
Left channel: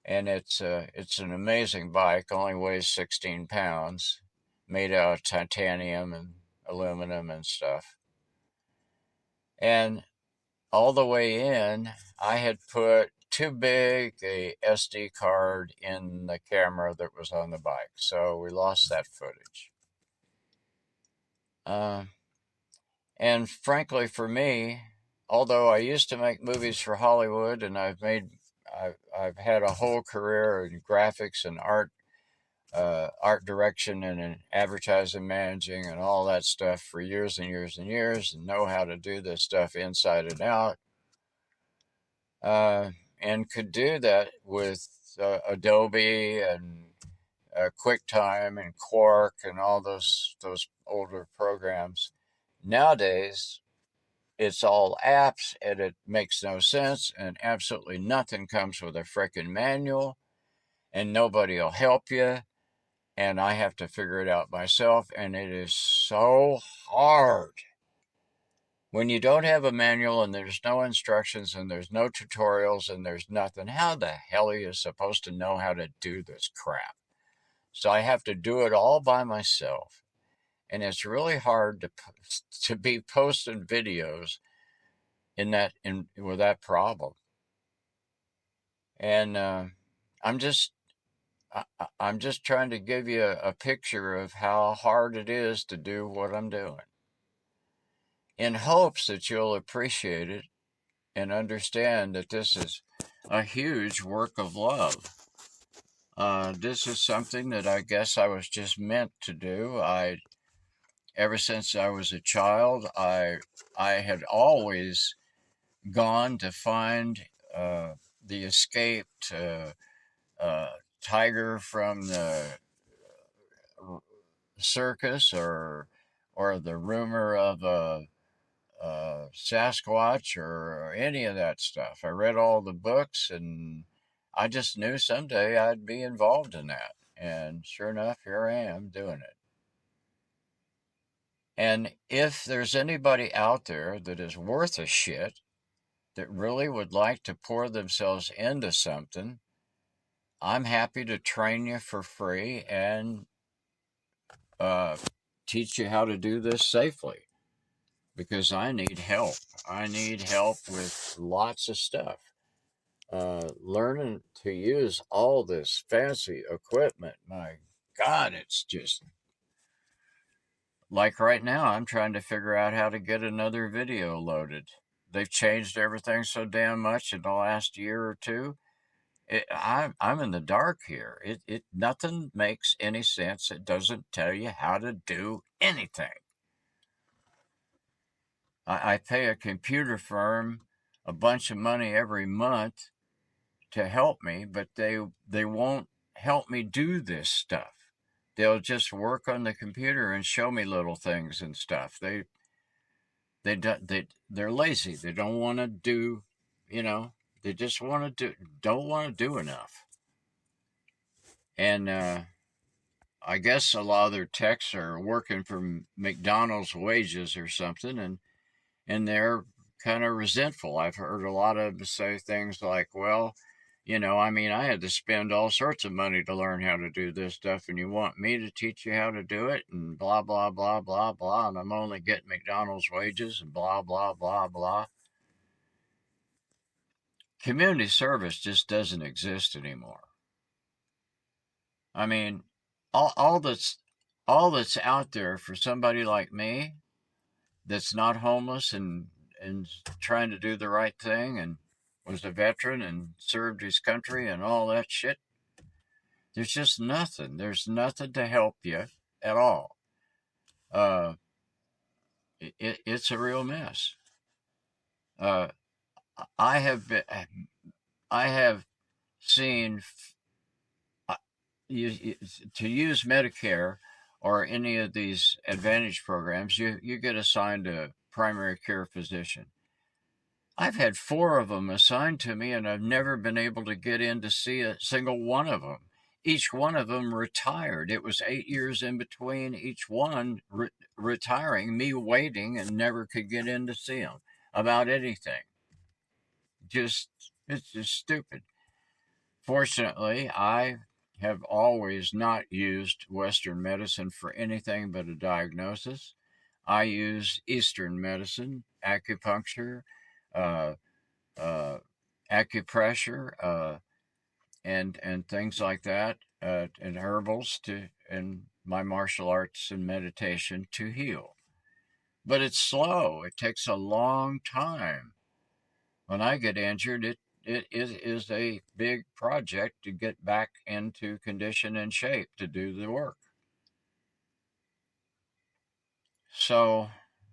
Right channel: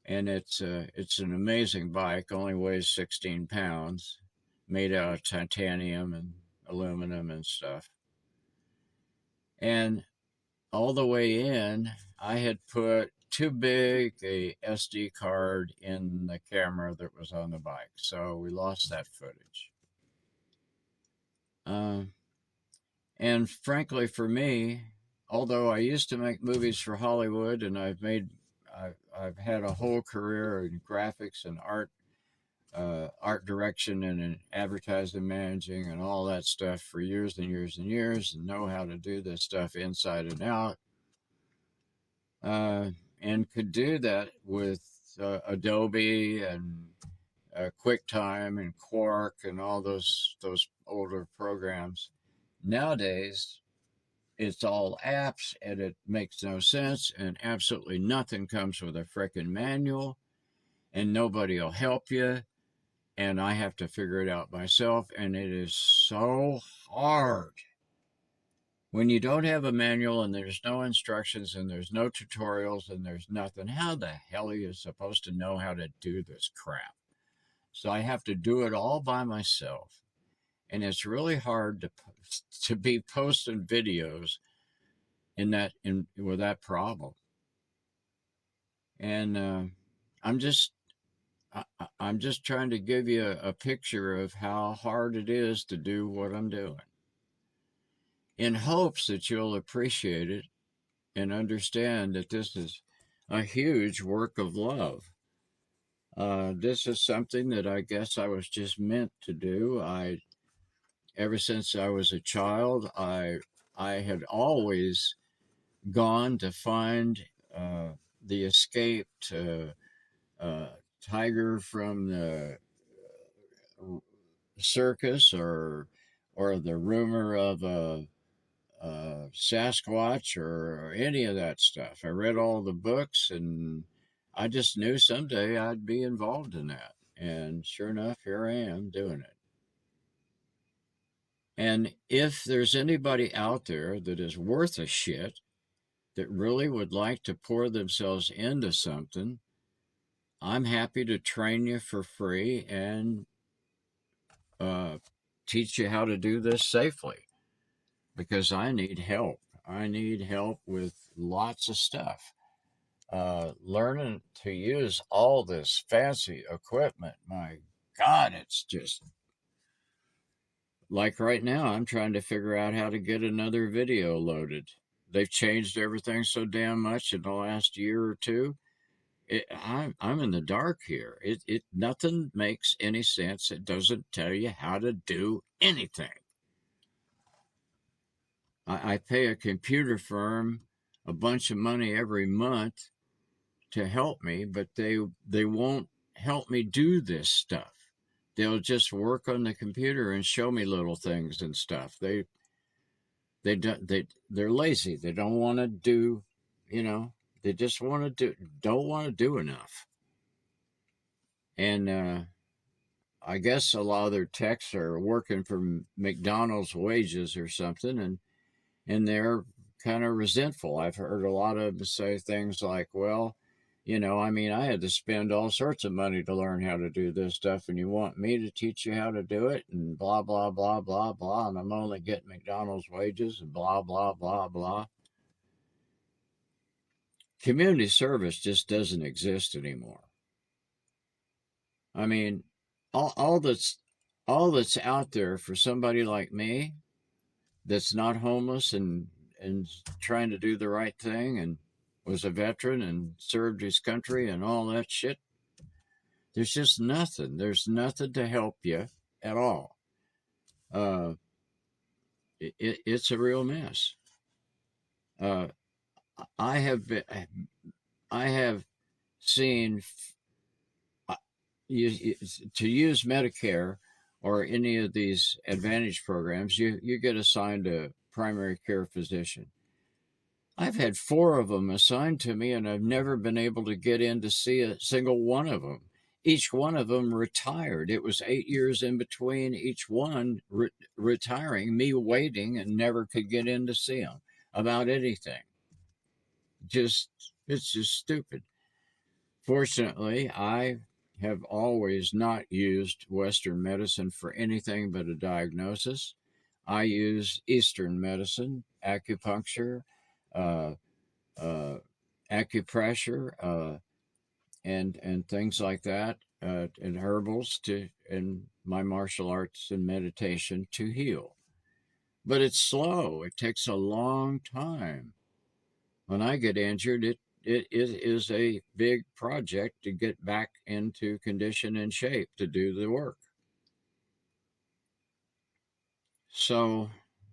And it's an amazing bike. Only weighs 16 pounds, made out of titanium and aluminum and stuff. And all the way in, I had put too big a SD card in the camera that was on the bike, so we lost that footage. Um, and frankly, for me, although I used to make movies for Hollywood, and I've had a whole career in graphics and art direction and in advertising managing and all that stuff for years and years and years, and know how to do this stuff inside and out, and could do that with Adobe and QuickTime and Quark and all those older programs. Nowadays, it's all apps, and it makes no sense, and absolutely nothing comes with a frickin' manual, and nobody will help you, and I have to figure it out myself, and it is so hard. When you don't have a manual and there's no instructions and there's no tutorials and there's nothing, how the hell are you supposed to know how to do this crap? So I have to do it all by myself. And it's really hard to be posting videos with that problem. And I'm just I'm just trying to give you a picture of how hard it is to do what I'm doing, in hopes that you'll appreciate it and understand that this is a huge work of love. This is something that I guess I was just meant to do. Ever since I was a child, I had always gone to find the escaped tiger from the circus, or or the rumor of a Sasquatch or any of that stuff. I read all the books, and I just knew someday I'd be involved in that. And sure enough, here I am doing it. And if there's anybody out there that is worth a shit, that really would like to pour themselves into something, I'm happy to train you for free and uh, teach you how to do this safely, because I need help. I need help with lots of stuff. Learning to use all this fancy equipment, my God, it's just like right now, I'm trying to figure out how to get another video loaded. They've changed everything so damn much in the last year or two. I'm in the dark here. It nothing makes any sense. It doesn't tell you how to do anything. I pay a computer firm a bunch of money every month to help me, but they won't help me do this stuff. They'll just work on the computer and show me little things and stuff. They're lazy. They don't want to do, you know, they just want to don't want to do enough. And I guess a lot of their techs are working for McDonald's wages or something, and they're kind of resentful. I've heard a lot of them say things like, well, I mean, I had to spend all sorts of money to learn how to do this stuff, and you want me to teach you how to do it, and blah, blah, blah, blah, blah, and I'm only getting McDonald's wages, and blah, blah, blah, blah. Community service just doesn't exist anymore. I mean, all that's out there for somebody like me that's not homeless and trying to do the right thing and was a veteran and served his country and all that shit. There's just nothing. There's nothing to help you at all. Uh, it's a real mess. Uh, I have been, I have seen uh, to use Medicare or any of these Advantage programs, you get assigned a primary care physician. I've had 4 of them assigned to me, and I've never been able to get in to see a single one of them. Each one of them retired. It was 8 years in between each one retiring, me waiting, and never could get in to see them about anything. It's just stupid. Fortunately, I have always not used Western medicine for anything but a diagnosis. I use Eastern medicine, acupuncture, uh, uh, acupressure, and things like that, and herbals and my martial arts and meditation to heal. But it's slow. It takes a long time. When I get injured, it is a big project to get back into condition and shape to do the work. So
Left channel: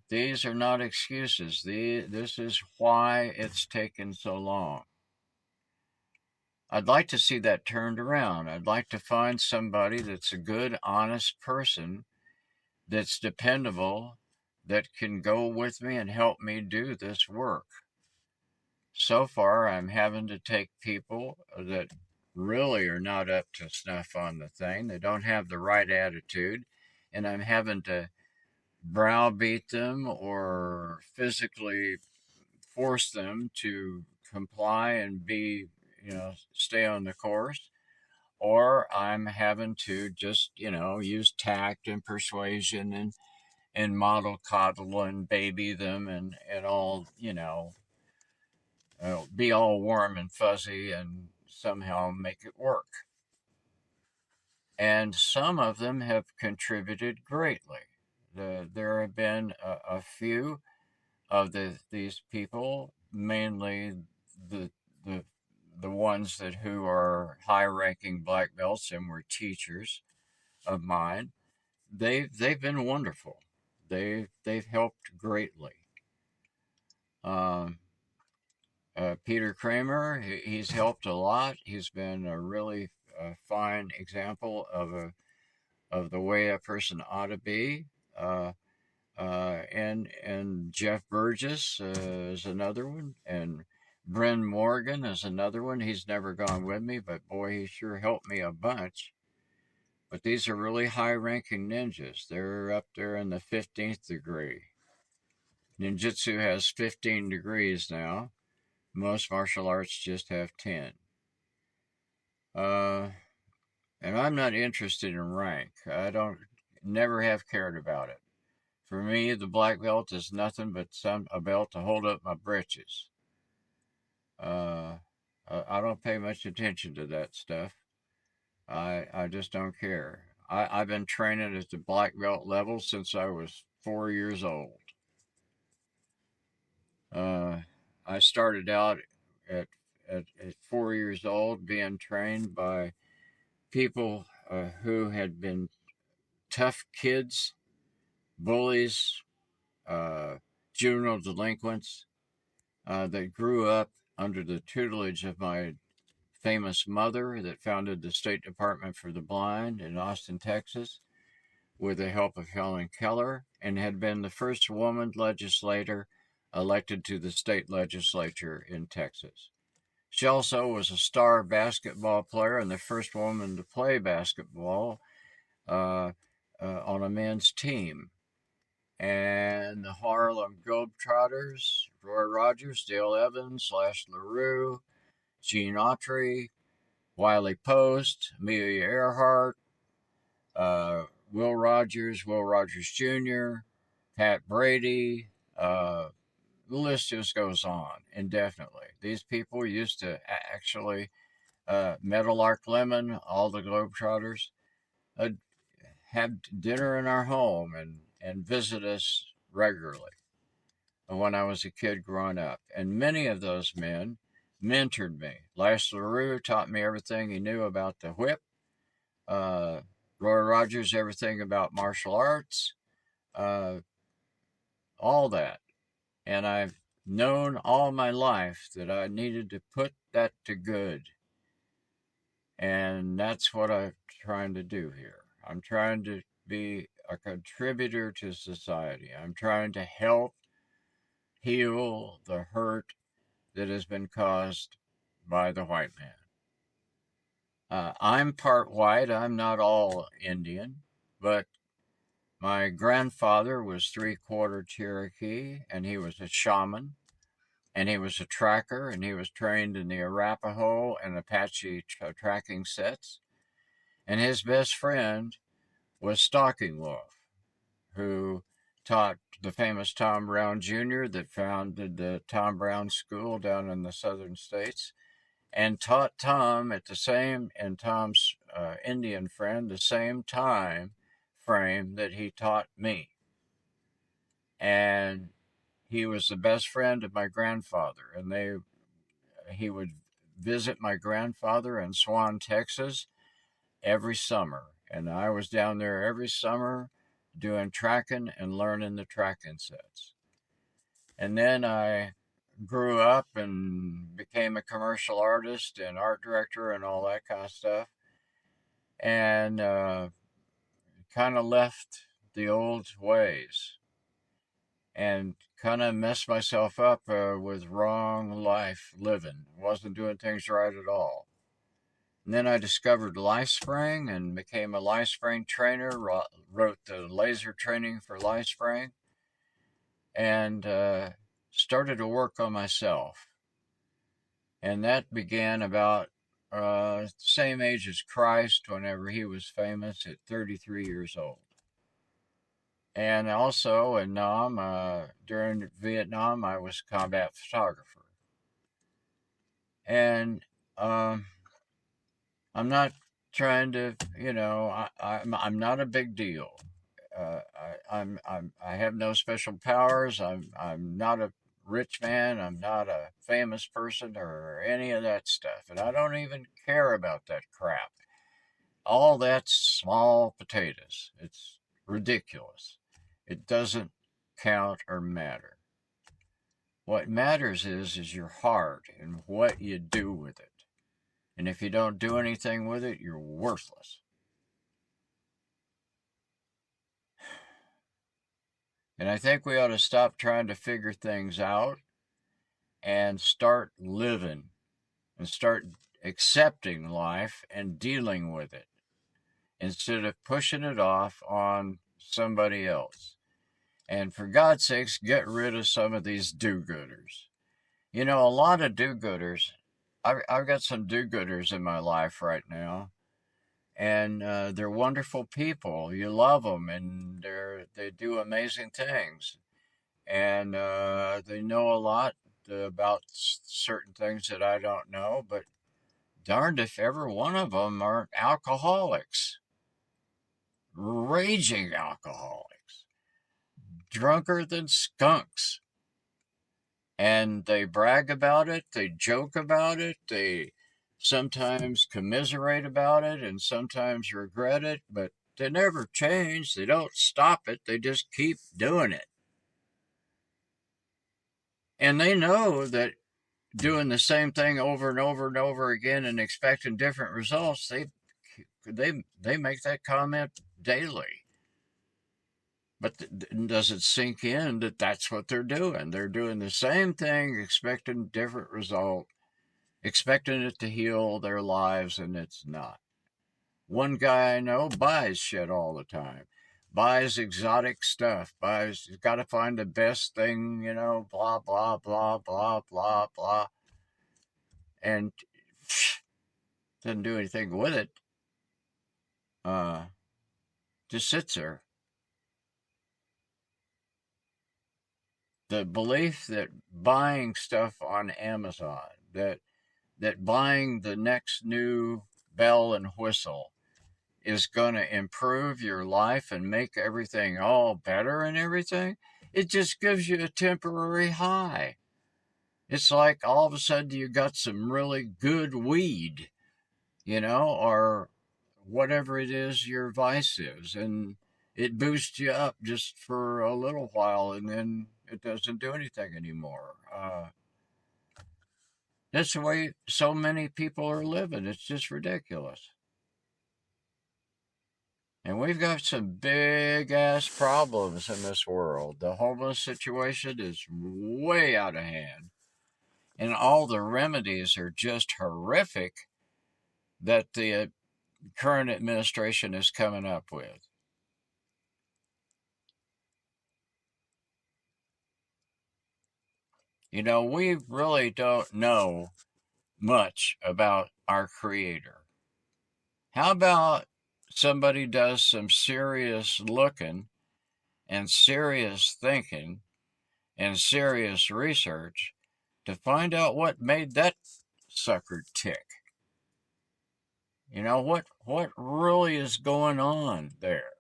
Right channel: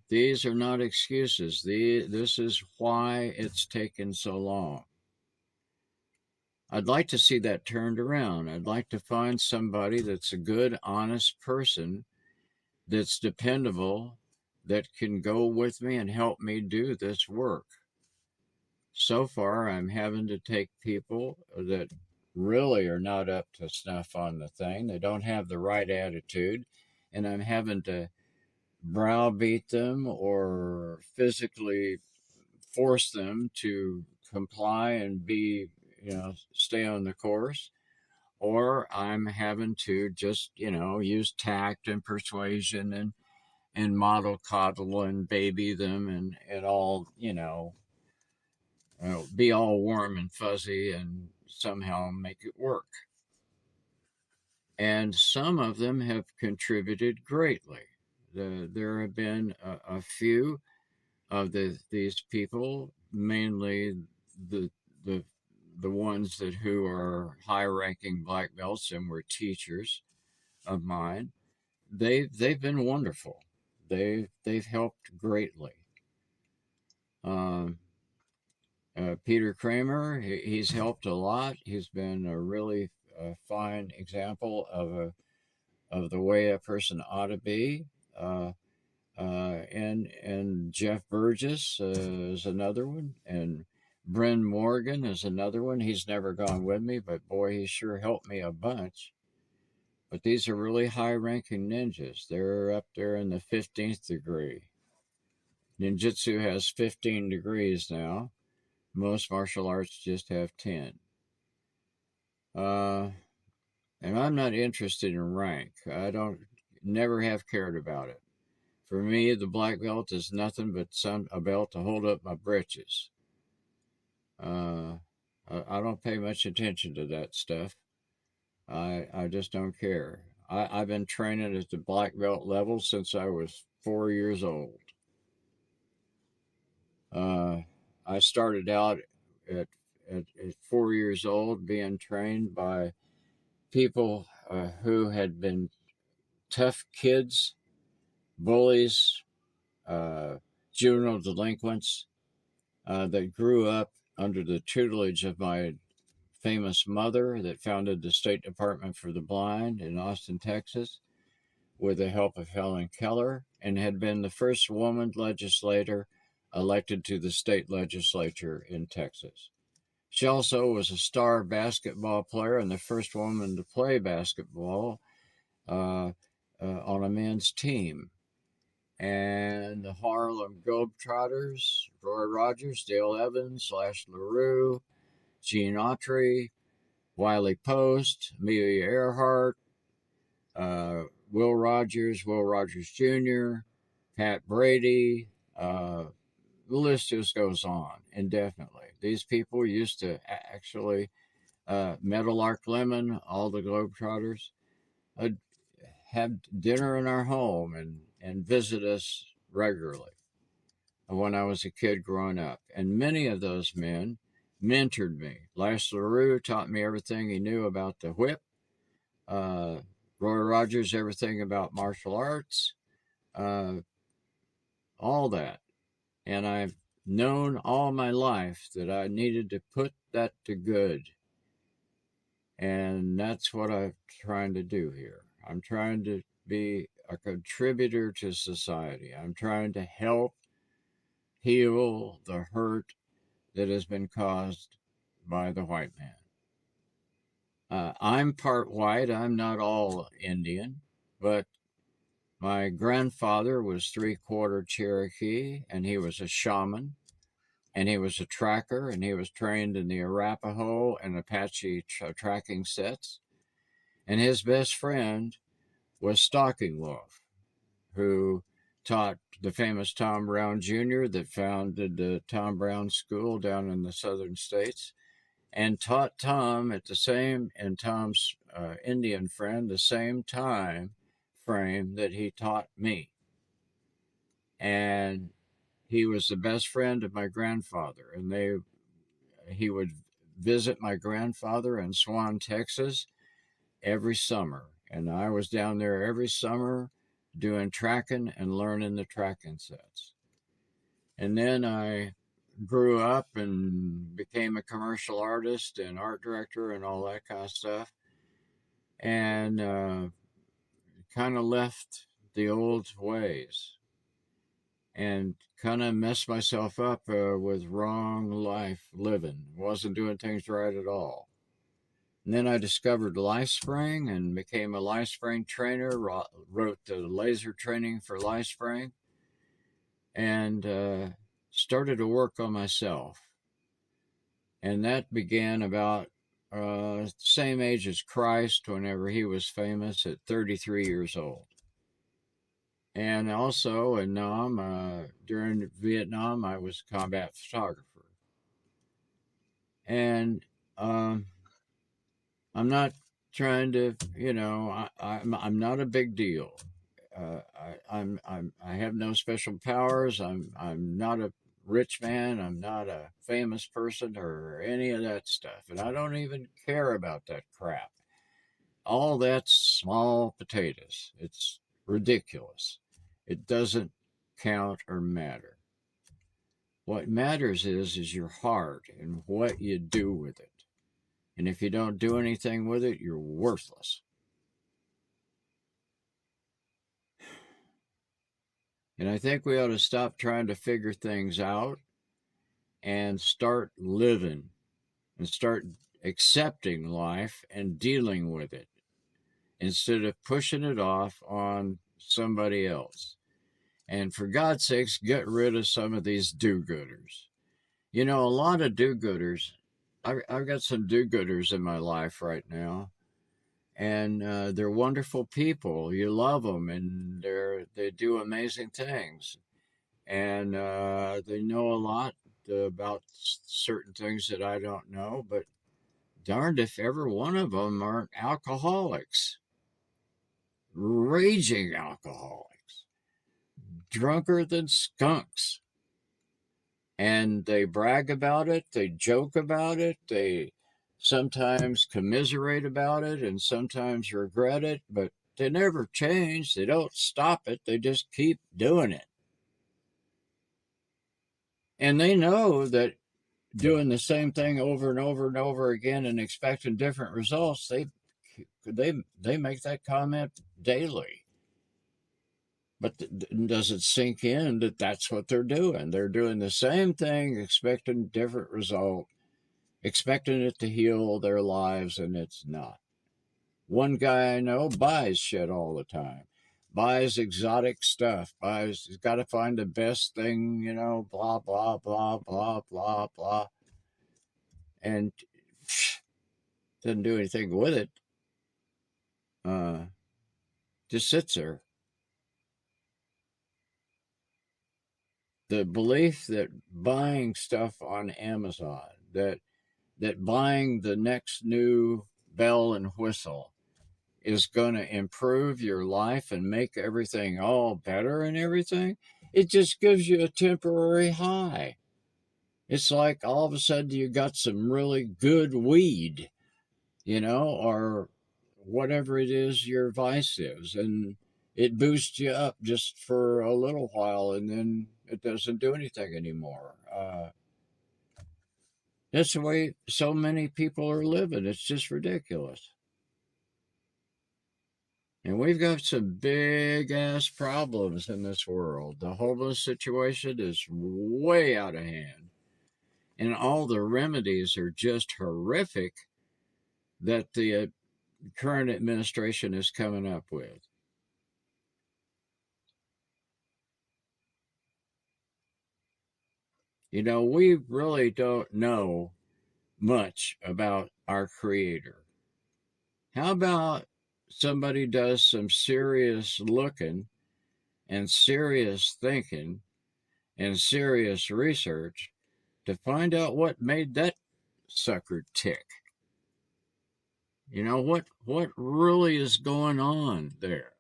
these are not excuses. This is why it's taken so long. I'd like to see that turned around. I'd like to find somebody that's a good, honest person, that's dependable, that can go with me and help me do this work. So far, I'm having to take people that really are not up to snuff on the thing. They don't have the right attitude, and I'm having to browbeat them or physically force them to comply and be, stay on the course. Or I'm having to just, use tact and persuasion and model coddle and baby them and all, be all warm and fuzzy and somehow make it work. And some of them have contributed greatly. There have been a few of these people, mainly the the the ones that who are high-ranking black belts and were teachers of mine. They've been wonderful. They've helped greatly. Um, Peter Kramer, he's helped a lot. He's been a really fine example of the way a person ought to be. And Jeff Burgess is another one, and Bryn Morgan is another one. He's never gone with me, but boy, he sure helped me a bunch. But these are really high-ranking ninjas. They're up there in the 15th degree. Ninjutsu has 15 degrees now. Most martial arts just have 10. Uh, and I'm not interested in rank. I don't, never have cared about it. For me, the black belt is nothing but a belt to hold up my britches. Uh, I don't pay much attention to that stuff. I just don't care. I've been training at the black belt level since I was 4 years old. Uh, I started out at, at 4 years old being trained by people who had been tough kids, bullies, uh, juvenile delinquents that grew up under the tutelage of my famous mother that founded the State Department for the Blind in Austin, Texas, with the help of Helen Keller, and had been the first woman legislator elected to the state legislature in Texas. She also was a star basketball player and the first woman to play basketball uh, on a men's team. And the Harlem Globetrotters, Roy Rogers, Dale Evans, Lash LaRue, Gene Autry, Wiley Post, Amelia Earhart, uh, Will Rogers Jr., Pat Brady. The list just goes on indefinitely. These people used to actually, Meadowlark Lemon, all the Globetrotters, uh, have dinner in our home and visit us regularly when I was a kid growing up. And many of those men mentored me. Lash LaRue taught me everything he knew about the whip. Uh, Roy Rogers, everything about martial arts, uh, all that. And I've known all my life that I needed to put that to good. And that's what I'm trying to do here. I'm trying to be a contributor to society. I'm trying to help heal the hurt that has been caused by the white man. I'm part white. I'm not all Indian, but my grandfather was three-quarter Cherokee, and he was a shaman, and he was a tracker, and he was trained in the Arapaho and Apache tracking sets. And his best friend was Stalking Wolf, who taught the famous Tom Brown Jr. that founded the Tom Brown School down in the southern states, and taught Tom at the same, and Tom's Indian friend, the same time frame that he taught me. And he was the best friend of my grandfather, and he would visit my grandfather in Swan, Texas, every summer, and I was down there every summer doing tracking and learning the tracking sets. And then I grew up and became a commercial artist and art director and all that kind of stuff, and kind of left the old ways and kind of messed myself up with wrong life living. Wasn't doing things right at all. And then I discovered LifeSpring and became a LifeSpring trainer, wrote the laser training for LifeSpring, and started to work on myself. And that began about same age as Christ, whenever he was famous, at 33 years old. And also in Nam, during Vietnam, I was a combat photographer. And I'm not trying to, I'm not a big deal. I have no special powers. I'm not a rich man. I'm not a famous person or any of that stuff, and I don't even care about that crap. All that's small potatoes. It's ridiculous. It doesn't count or matter. What matters is your heart and what you do with it. And if you don't do anything with it, you're worthless. And I think we ought to stop trying to figure things out and start living and start accepting life and dealing with it instead of pushing it off on somebody else. And for God's sakes, get rid of some of these do gooders. You know, a lot of do gooders. I've got some do gooders in my life right now, and they're wonderful people. You love them, and they do amazing things, and they know a lot about certain things that I don't know. But darned if ever one of them aren't alcoholics, raging alcoholics, drunker than skunks. And they brag about it, they joke about it, they sometimes commiserate about it, and sometimes regret it, but they never change. They don't stop it, they just keep doing it. And they know that doing the same thing over and over and over again and expecting different results, they make that comment daily. But does it sink in that that's what they're doing? They're doing the same thing, expecting different result, expecting it to heal their lives, and it's not. One guy I know buys shit all the time, buys exotic stuff, he's got to find the best thing, you know, blah, blah, blah, blah, blah, blah, and didn't do anything with it. Just sits there. The belief that buying stuff on Amazon, that buying the next new bell and whistle is going to improve your life and make everything all better and everything, it just gives you a temporary high. It's like all of a sudden you got some really good weed, you know, or whatever it is your vice is, and it boosts you up just for a little while, and then it doesn't do anything anymore. That's the way so many people are living. It's just ridiculous. And we've got some big ass problems in this world. The homeless situation is way out of hand. And all the remedies are just horrific that the current administration is coming up with. You know, we really don't know much about our Creator. How about somebody does some serious looking and serious thinking and serious research to find out what made that sucker tick? You know, what really is going on there?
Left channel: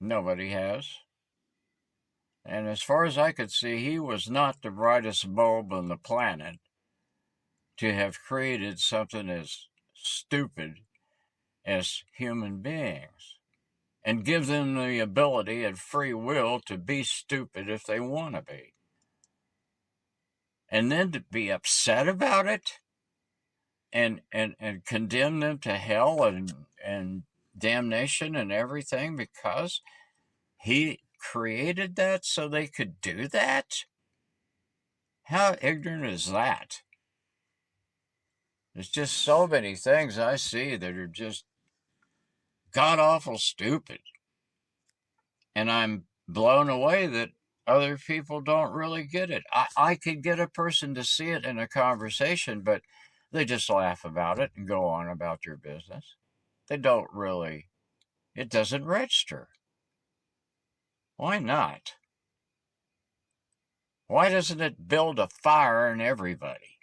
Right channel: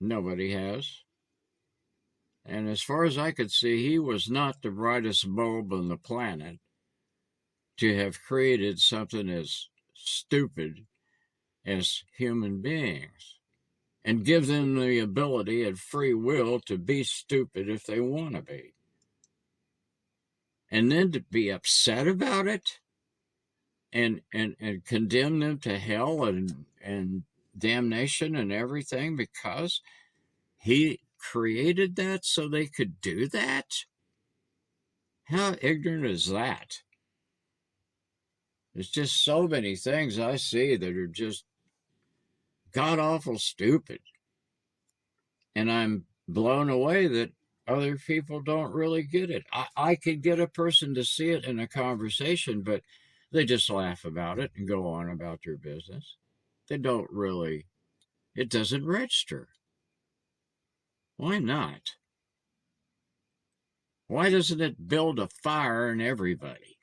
Nobody has. And as far as I could see, he was not the brightest bulb on the planet to have created something as stupid as human beings and give them the ability and free will to be stupid if they want to be. And then to be upset about it and condemn them to hell and damnation and everything because he created that so they could do that? How ignorant is that? There's just so many things I see that are just god awful stupid. And I'm blown away that other people don't really get it. I could get a person to see it in a conversation, but they just laugh about it and go on about their business. They don't really, it doesn't register. Why not? Why doesn't it build a fire in everybody?